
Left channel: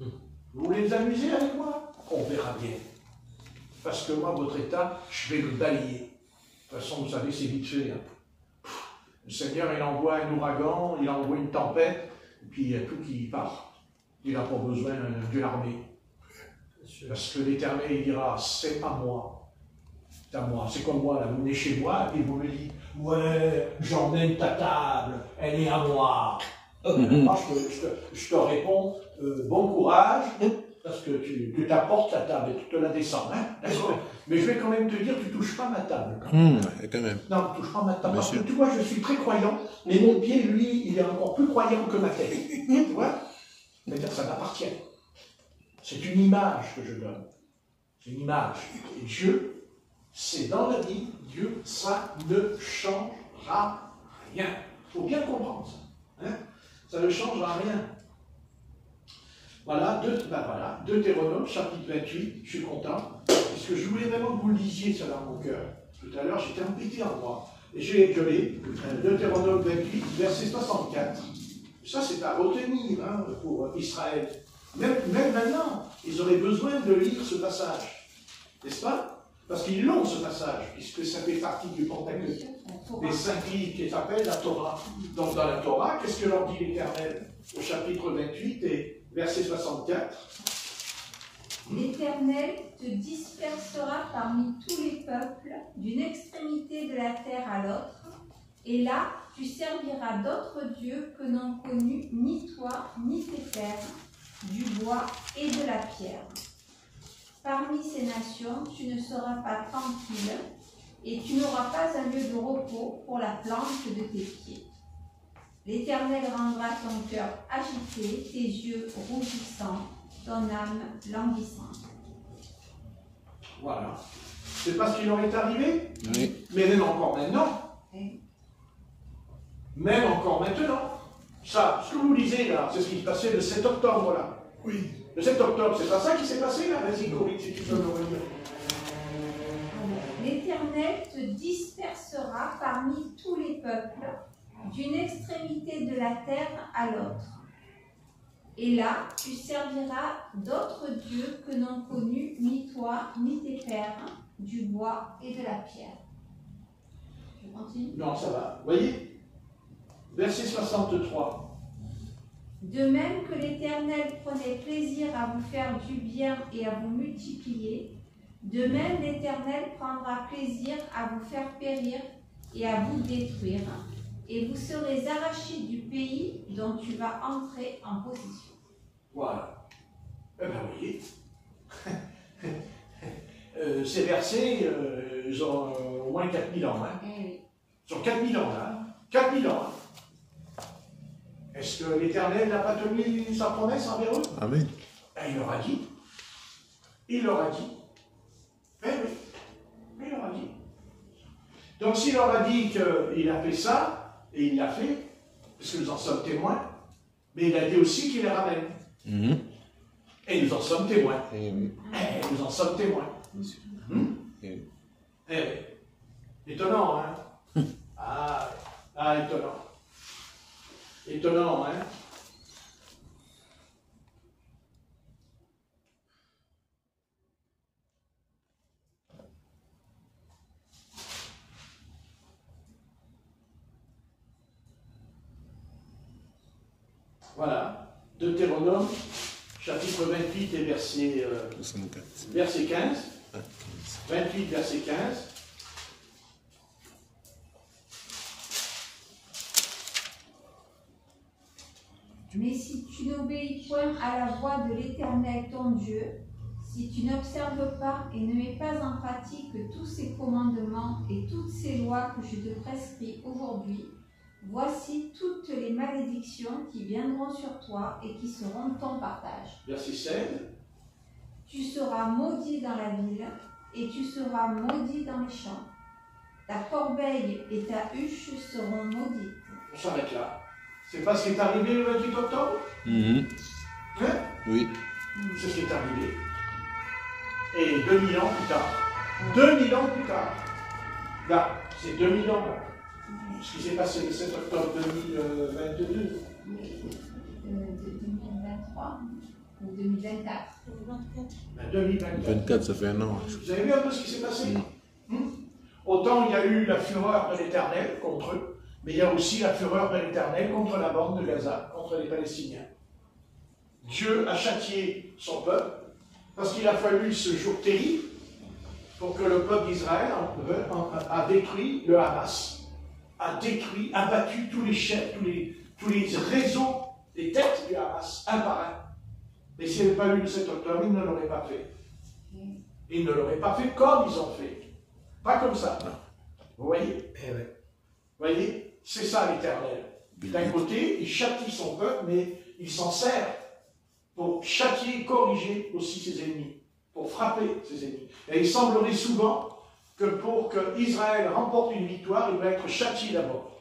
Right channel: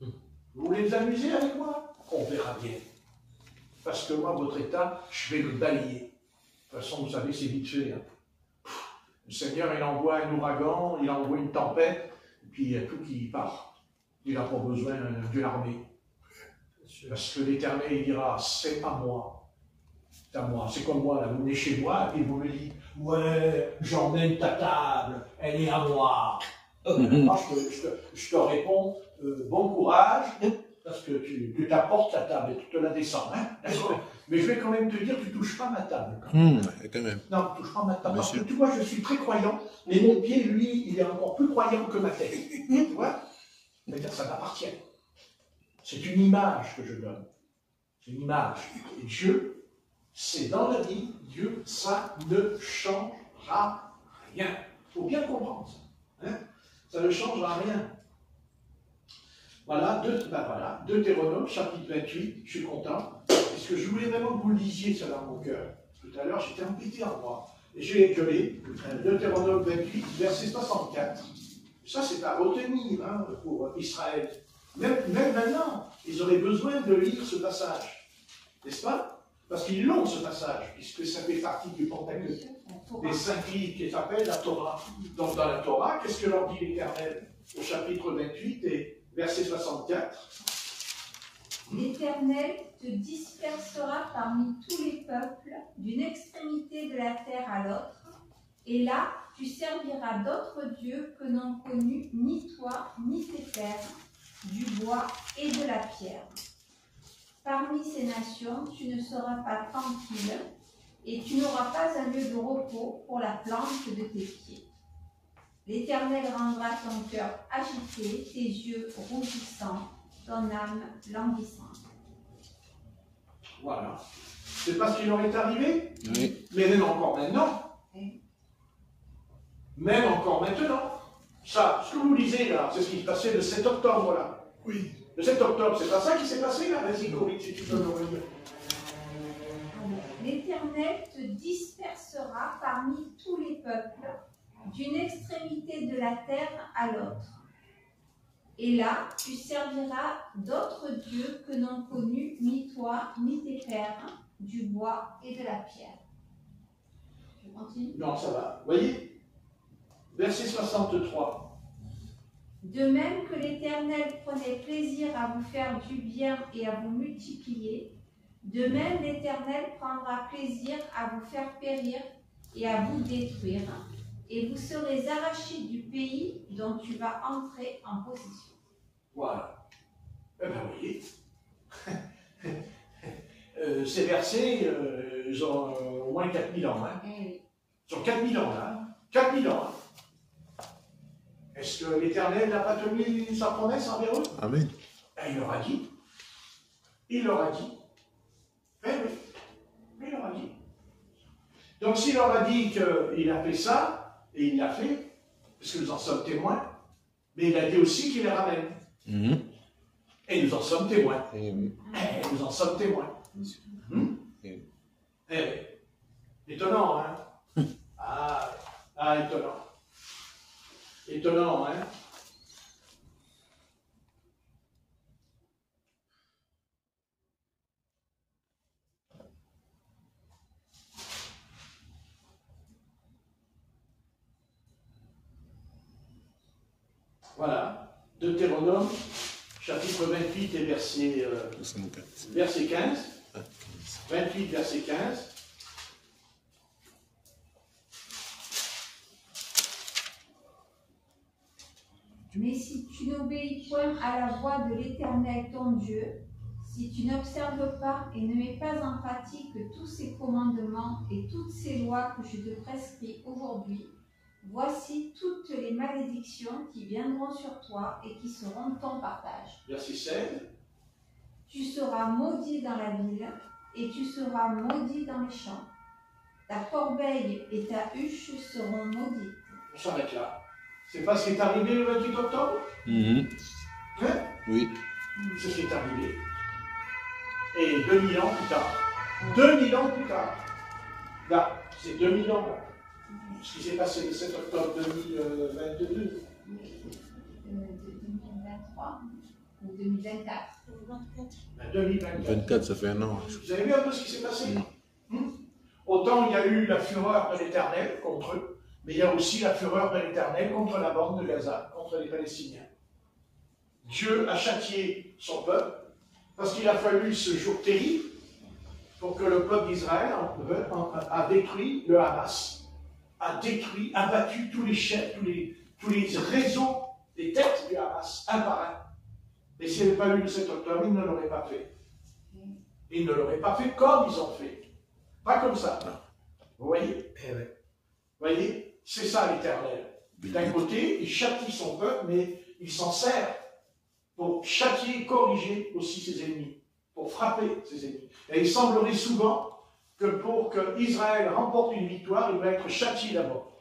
Vous voulez vous amuser avec moi? On verra bien. Parce que moi, votre état, je vais le balayer. De toute façon, vous savez, c'est vite fait. Hein. Le Seigneur, il envoie un ouragan, il envoie une tempête, et puis il y a tout qui part. Il n'a pas besoin d'une armée. Parce que l'Éternel, il dira, c'est à moi. C'est à moi. C'est comme moi, là, vous venez chez moi, et vous me dites, ouais, j'emmène ta table, elle est à moi. Moi, je te réponds, bon courage, parce que tu t'apportes ta table et tu te la descends. Hein, mais je vais quand même te dire, tu ne touches pas ma table. Quand même. Non, tu ne touches pas ma table. Parce que tu vois, je suis très croyant, mais mon pied, lui, il est encore plus croyant que ma tête. Tu vois? C'est-à-dire, ça m'appartient. C'est une image que je donne. C'est une image. Et Dieu, c'est dans la vie, Dieu, ça ne changera rien. Il faut bien comprendre ça. Hein? Ça ne changera rien. Voilà, Deutéronome, chapitre 28, je suis content, parce que je voulais vraiment que vous lisiez cela dans mon cœur. Tout à l'heure, j'étais embêté en moi. Et je l'ai, Deutéronome 28, verset 64. Ça, c'est à retenir pour Israël. Même maintenant, ils auraient besoin de lire ce passage. N'est-ce pas? Parce qu'ils l'ont, ce passage, puisque ça fait partie du Pentateuque, des 5 livres qui s'appellent la Torah. Donc, dans la Torah, qu'est-ce que leur dit l'Éternel au chapitre 28 et verset 64? L'Éternel te dispersera parmi tous les peuples, d'une extrémité de la terre à l'autre, et là, tu serviras d'autres dieux que n'ont connus ni toi, ni tes pères, du bois et de la pierre. Parmi ces nations, tu ne seras pas tranquille, et tu n'auras pas un lieu de repos pour la plante de tes pieds. L'Éternel rendra ton cœur agité, tes yeux rougissants, ton âme languissante. Voilà. C'est pas ce qui leur est arrivé, Oui. mais même encore maintenant. Même encore maintenant. Ça, ce que vous lisez là, c'est ce qui se passait le 7 octobre là. Oui. Le 7 octobre, c'est pas ça qui s'est passé là. Vas-y, Corinne, si tu peux nous revenir. L'Éternel te dispersera parmi tous les peuples, d'une extrémité de la terre à l'autre. Et là, tu serviras d'autres dieux que n'ont connus ni toi, ni tes pères, du bois et de la pierre. Je continue. Non, ça va. Vous voyez? Verset 63. De même que l'Éternel prenait plaisir à vous faire du bien et à vous multiplier, de même l'Éternel prendra plaisir à vous faire périr et à vous détruire, et vous serez arrachés du pays dont tu vas entrer en possession. Voilà. Eh bien, vous voyez. Ces versets, ils ont au moins 4000 ans. Hein. Ils ont 4000 ans. Hein. 4000 ans. Hein. Est-ce que l'Éternel n'a pas tenu sa promesse envers eux? Amen. Il leur a dit. Il leur a dit. Eh oui. Il leur a dit. Donc s'il leur a dit qu'il a fait ça, et il l'a fait, parce que nous en sommes témoins, mais il a dit aussi qu'il les ramène. Et nous en sommes témoins. Eh oui. Et nous en sommes témoins. Eh oui. Eh oui. Étonnant, hein? Étonnant. Étonnant, hein? Voilà. Deutéronome, chapitre 28 et verset 64. 15. Ah, 28, verset 15. Mais si tu n'obéis point à la voix de l'Éternel ton Dieu, si tu n'observes pas et ne mets pas en pratique tous ces commandements et toutes ces lois que je te prescris aujourd'hui, voici toutes les malédictions qui viendront sur toi et qui seront ton partage. Verset 16. Tu seras maudit dans la ville et tu seras maudit dans les champs. Ta corbeille et ta huche seront maudites. On s'arrête là. C'est pas ce qui est arrivé le 28 octobre? Hein? Oui. C'est ce qui est arrivé. Et 2000 ans plus tard. 2000 ans plus tard. Là, c'est 2000 ans là. Ce qui s'est passé le 7 octobre 2022. 2023 ou 2024. 2024. 24, ça fait un an. Vous avez vu un peu ce qui s'est passé? Autant il y a eu la fureur de l'Éternel contre eux, mais il y a aussi la fureur de l'Éternel contre la bande de Gaza, contre les Palestiniens. Dieu a châtié son peuple, parce qu'il a fallu ce jour terrible pour que le peuple d'Israël a détruit le Hamas, a détruit, abattu tous les chefs, tous les réseaux, les têtes du Hamas, un par un. Et s'il n'y avait pas eu le 7 octobre, ils ne l'auraient pas fait. Ils ne l'auraient pas fait comme ils ont fait. Pas comme ça. Vous voyez? Vous voyez? C'est ça l'Éternel. D'un côté, il châtie son peuple, mais il s'en sert pour châtier, corriger aussi ses ennemis, pour frapper ses ennemis. Et il semblerait souvent que pour que Israël remporte une victoire, il va être châtié d'abord.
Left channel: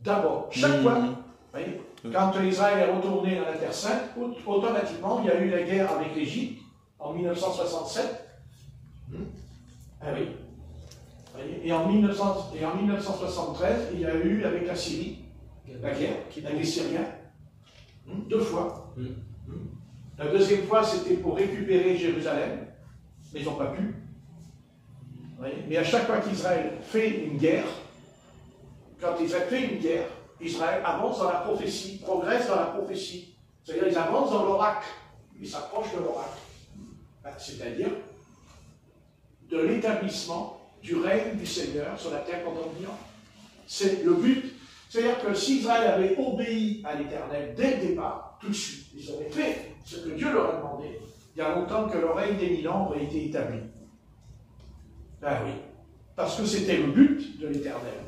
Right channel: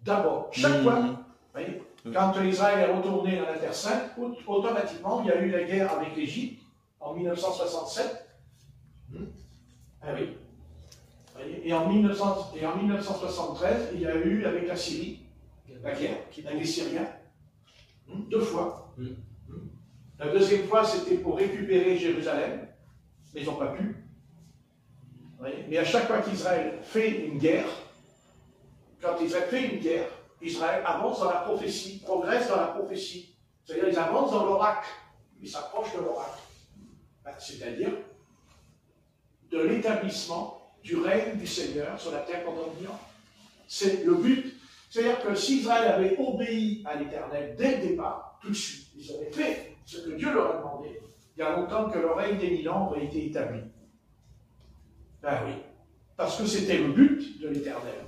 D'abord. Chaque fois, vous voyez, quand Israël est retourné dans la Terre Sainte, automatiquement, il y a eu la guerre avec l'Égypte en 1967. Ah oui. Et en 1973, il y a eu avec la Syrie, la guerre, avec les Syriens. 2 fois. La deuxième fois, c'était pour récupérer Jérusalem, mais ils n'ont pas pu. Mais à chaque fois qu'Israël fait une guerre, quand Israël fait une guerre, Israël avance dans la prophétie, progresse dans la prophétie. C'est-à-dire, ils avancent dans l'oracle, ils s'approchent de l'oracle. C'est-à-dire de l'établissement du règne du Seigneur sur la terre contemporaine. C'est le but. C'est-à-dire que si Israël avait obéi à l'Éternel dès le départ, tout de suite, ils auraient fait ce que Dieu leur a demandé, il y a longtemps que le règne des 1000 ans aurait été établi. Ah oui. Parce que c'était le but de l'Éternel.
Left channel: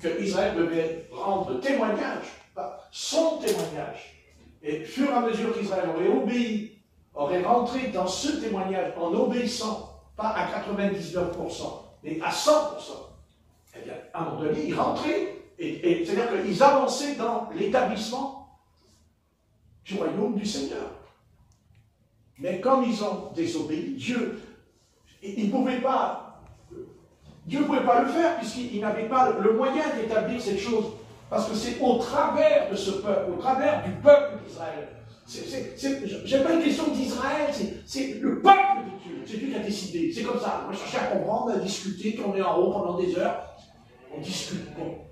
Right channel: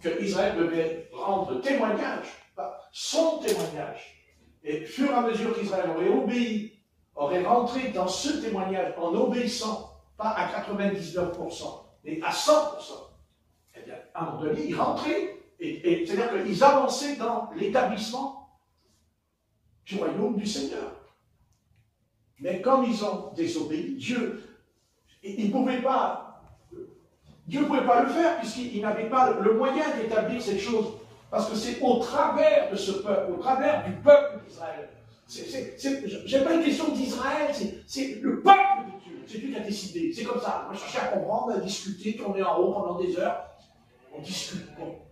que Israël devait rendre témoignage, son témoignage. Et au fur et à mesure qu'Israël aurait obéi, aurait rentré dans ce témoignage en obéissant, pas à 99%, mais à 100%, eh bien, à un moment donné, ils rentraient, et c'est-à-dire qu'ils avançaient dans l'établissement du royaume du Seigneur. Mais comme ils ont désobéi, Dieu ne pouvait pas le faire, puisqu'il n'avait pas le moyen d'établir cette chose. Parce que c'est au travers de ce peuple, au travers du peuple d'Israël. J'ai pas une question d'Israël, c'est le peuple de Dieu. C'est Dieu qui a décidé. C'est comme ça. On va chercher à comprendre, à discuter, tourner en rond pendant des heures. On discute. Bon.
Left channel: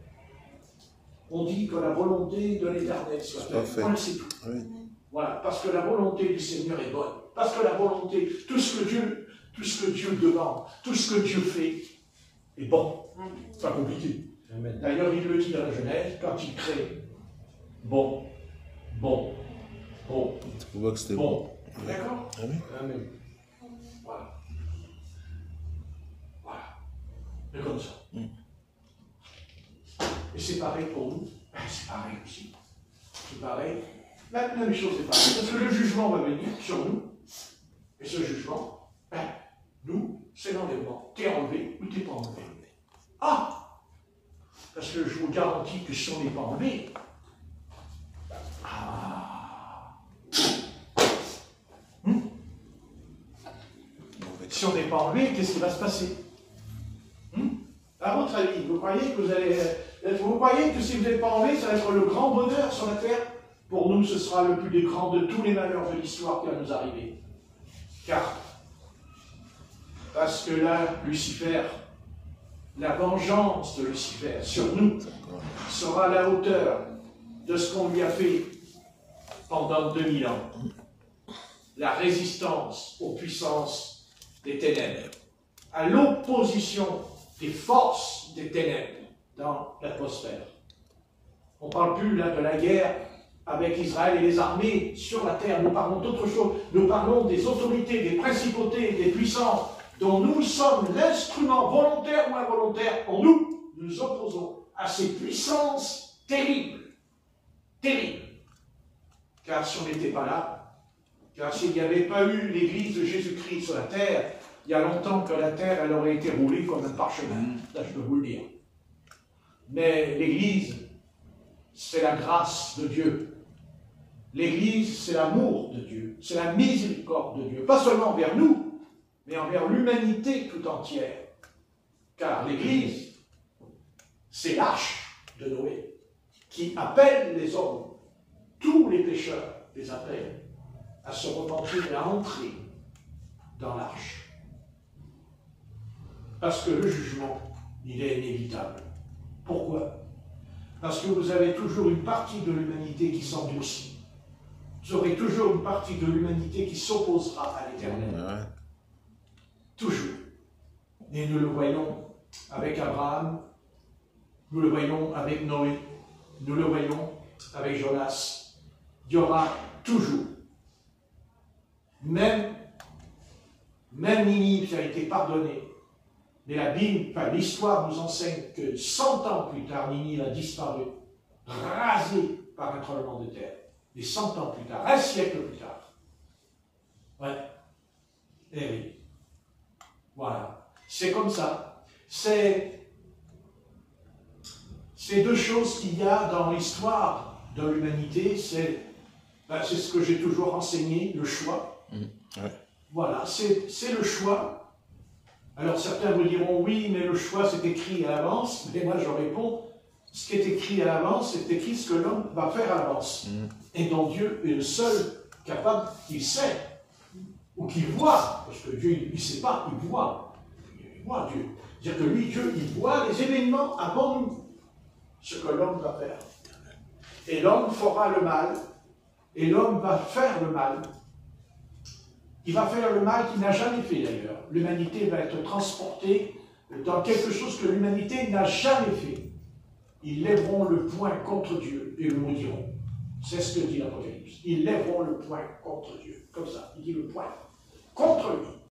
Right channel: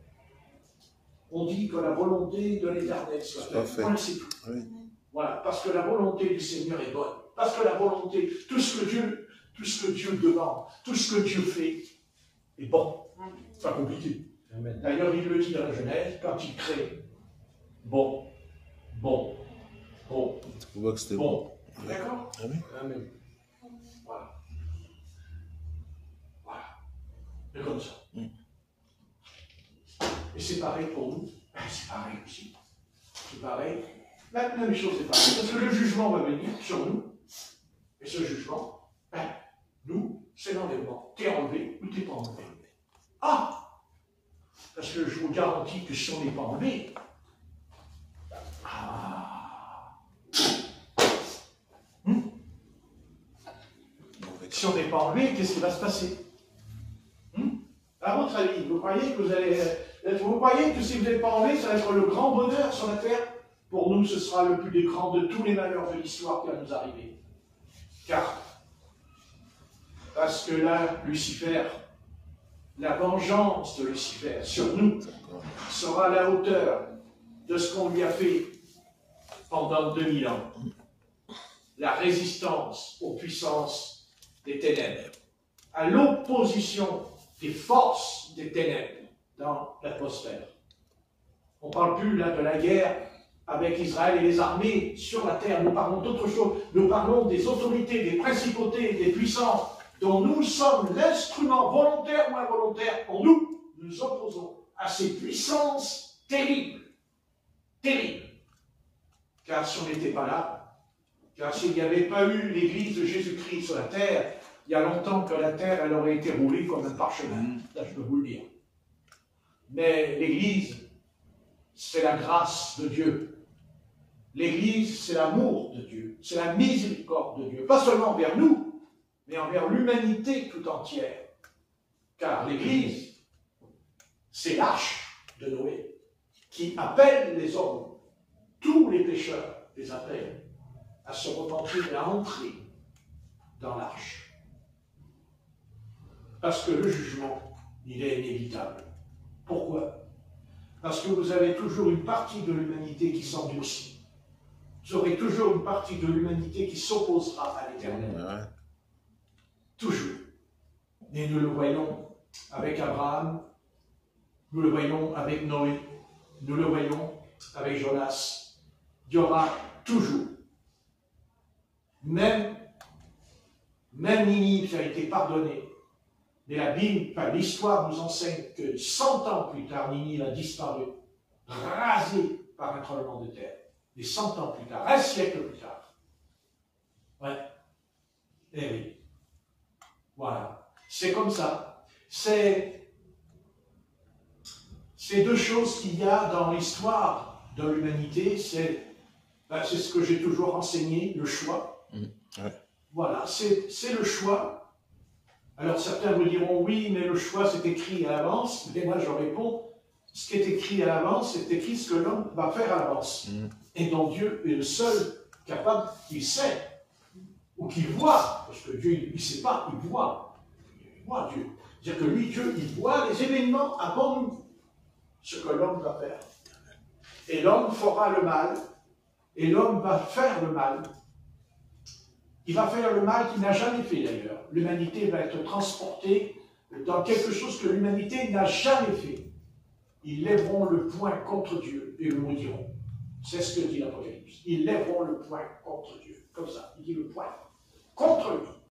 On dit que la volonté de l'Éternel soit faite. Voilà, c'est tout. Oui. Voilà, parce que la volonté du Seigneur est bonne. Parce que la volonté, tout ce que Dieu demande, tout ce que Dieu fait est bon. C'est pas compliqué. D'ailleurs, il le dit dans la Genèse, quand il crée bon. D'accord? Amen. Voilà. C'est comme ça. Et c'est pareil pour nous. C'est pareil aussi. C'est pareil. La même chose est pareille. Parce que le jugement va venir sur nous. Et ce jugement, nous, c'est l'enlèvement. T'es enlevé ou t'es pas enlevé. Ah! Parce que je vous garantis que si on n'est pas enlevé, si on n'est pas enlevé, qu'est-ce qui va se passer? À votre avis, vous croyez que si vous n'êtes pas enlevé, ça va être le grand bonheur sur la terre? Pour nous, ce sera le plus grand de tous les malheurs de l'histoire qui va nous arriver. Parce que là, Lucifer, la vengeance de Lucifer sur nous sera à la hauteur de ce qu'on lui a fait pendant 2000 ans. La résistance aux puissances des ténèbres, à l'opposition des forces des ténèbres dans l'atmosphère. On ne parle plus là de la guerre avec Israël et les armées sur la terre. Nous parlons d'autre chose. Nous parlons des autorités, des principautés, des puissances dont nous sommes l'instrument volontaire ou involontaire. En nous opposons à ces puissances terribles. Terribles. Car si on n'était pas là, car s'il n'y avait pas eu l'Église de Jésus-Christ sur la terre, il y a longtemps que la terre, elle aurait été roulée comme un parchemin. Là, je peux vous le dire. Mais l'Église, c'est la grâce de Dieu. L'Église, c'est l'amour de Dieu. C'est la miséricorde de Dieu. Pas seulement envers nous, mais envers l'humanité tout entière. Car l'Église, c'est l'arche de Noé, qui appelle les hommes, tous les pécheurs les appellent, à se repentir et à entrer dans l'arche. Parce que le jugement, il est inévitable. Pourquoi? Parce que vous avez toujours une partie de l'humanité qui s'endurcit. Vous aurez toujours une partie de l'humanité qui s'opposera à l'Éternel. Toujours. Et nous le voyons avec Abraham, nous le voyons avec Noé, nous le voyons avec Jonas. Il y aura toujours, même Ninive qui a été pardonnée, mais la Bible, l'histoire nous enseigne que 100 ans plus tard, Ninive a disparu, rasée par un tremblement de terre. Et 100 ans plus tard, un siècle plus tard. Ouais. Eh oui. Voilà. C'est comme ça. C'est deux choses qu'il y a dans l'histoire de l'humanité. C'est ce que j'ai toujours enseigné, le choix. Ouais. Voilà, c'est le choix. Alors certains me diront, oui, mais le choix c'est écrit à l'avance. Mais moi je réponds, ce qui est écrit à l'avance, c'est écrit ce que l'homme va faire à l'avance. Et dont Dieu est le seul capable, qu'il sait, ou qu'il voit, parce que Dieu, il ne sait pas, il voit. Il voit Dieu. C'est-à-dire que lui, Dieu, il voit les événements avant nous, ce que l'homme va faire. Et l'homme fera le mal, et l'homme va faire le mal. Il va faire le mal qu'il n'a jamais fait d'ailleurs. L'humanité va être transportée dans quelque chose que l'humanité n'a jamais fait. Ils lèveront le poing contre Dieu et le maudiront. C'est ce que dit l'Apocalypse. Ils lèveront le poing contre Dieu. Comme ça, il dit le poing contre lui.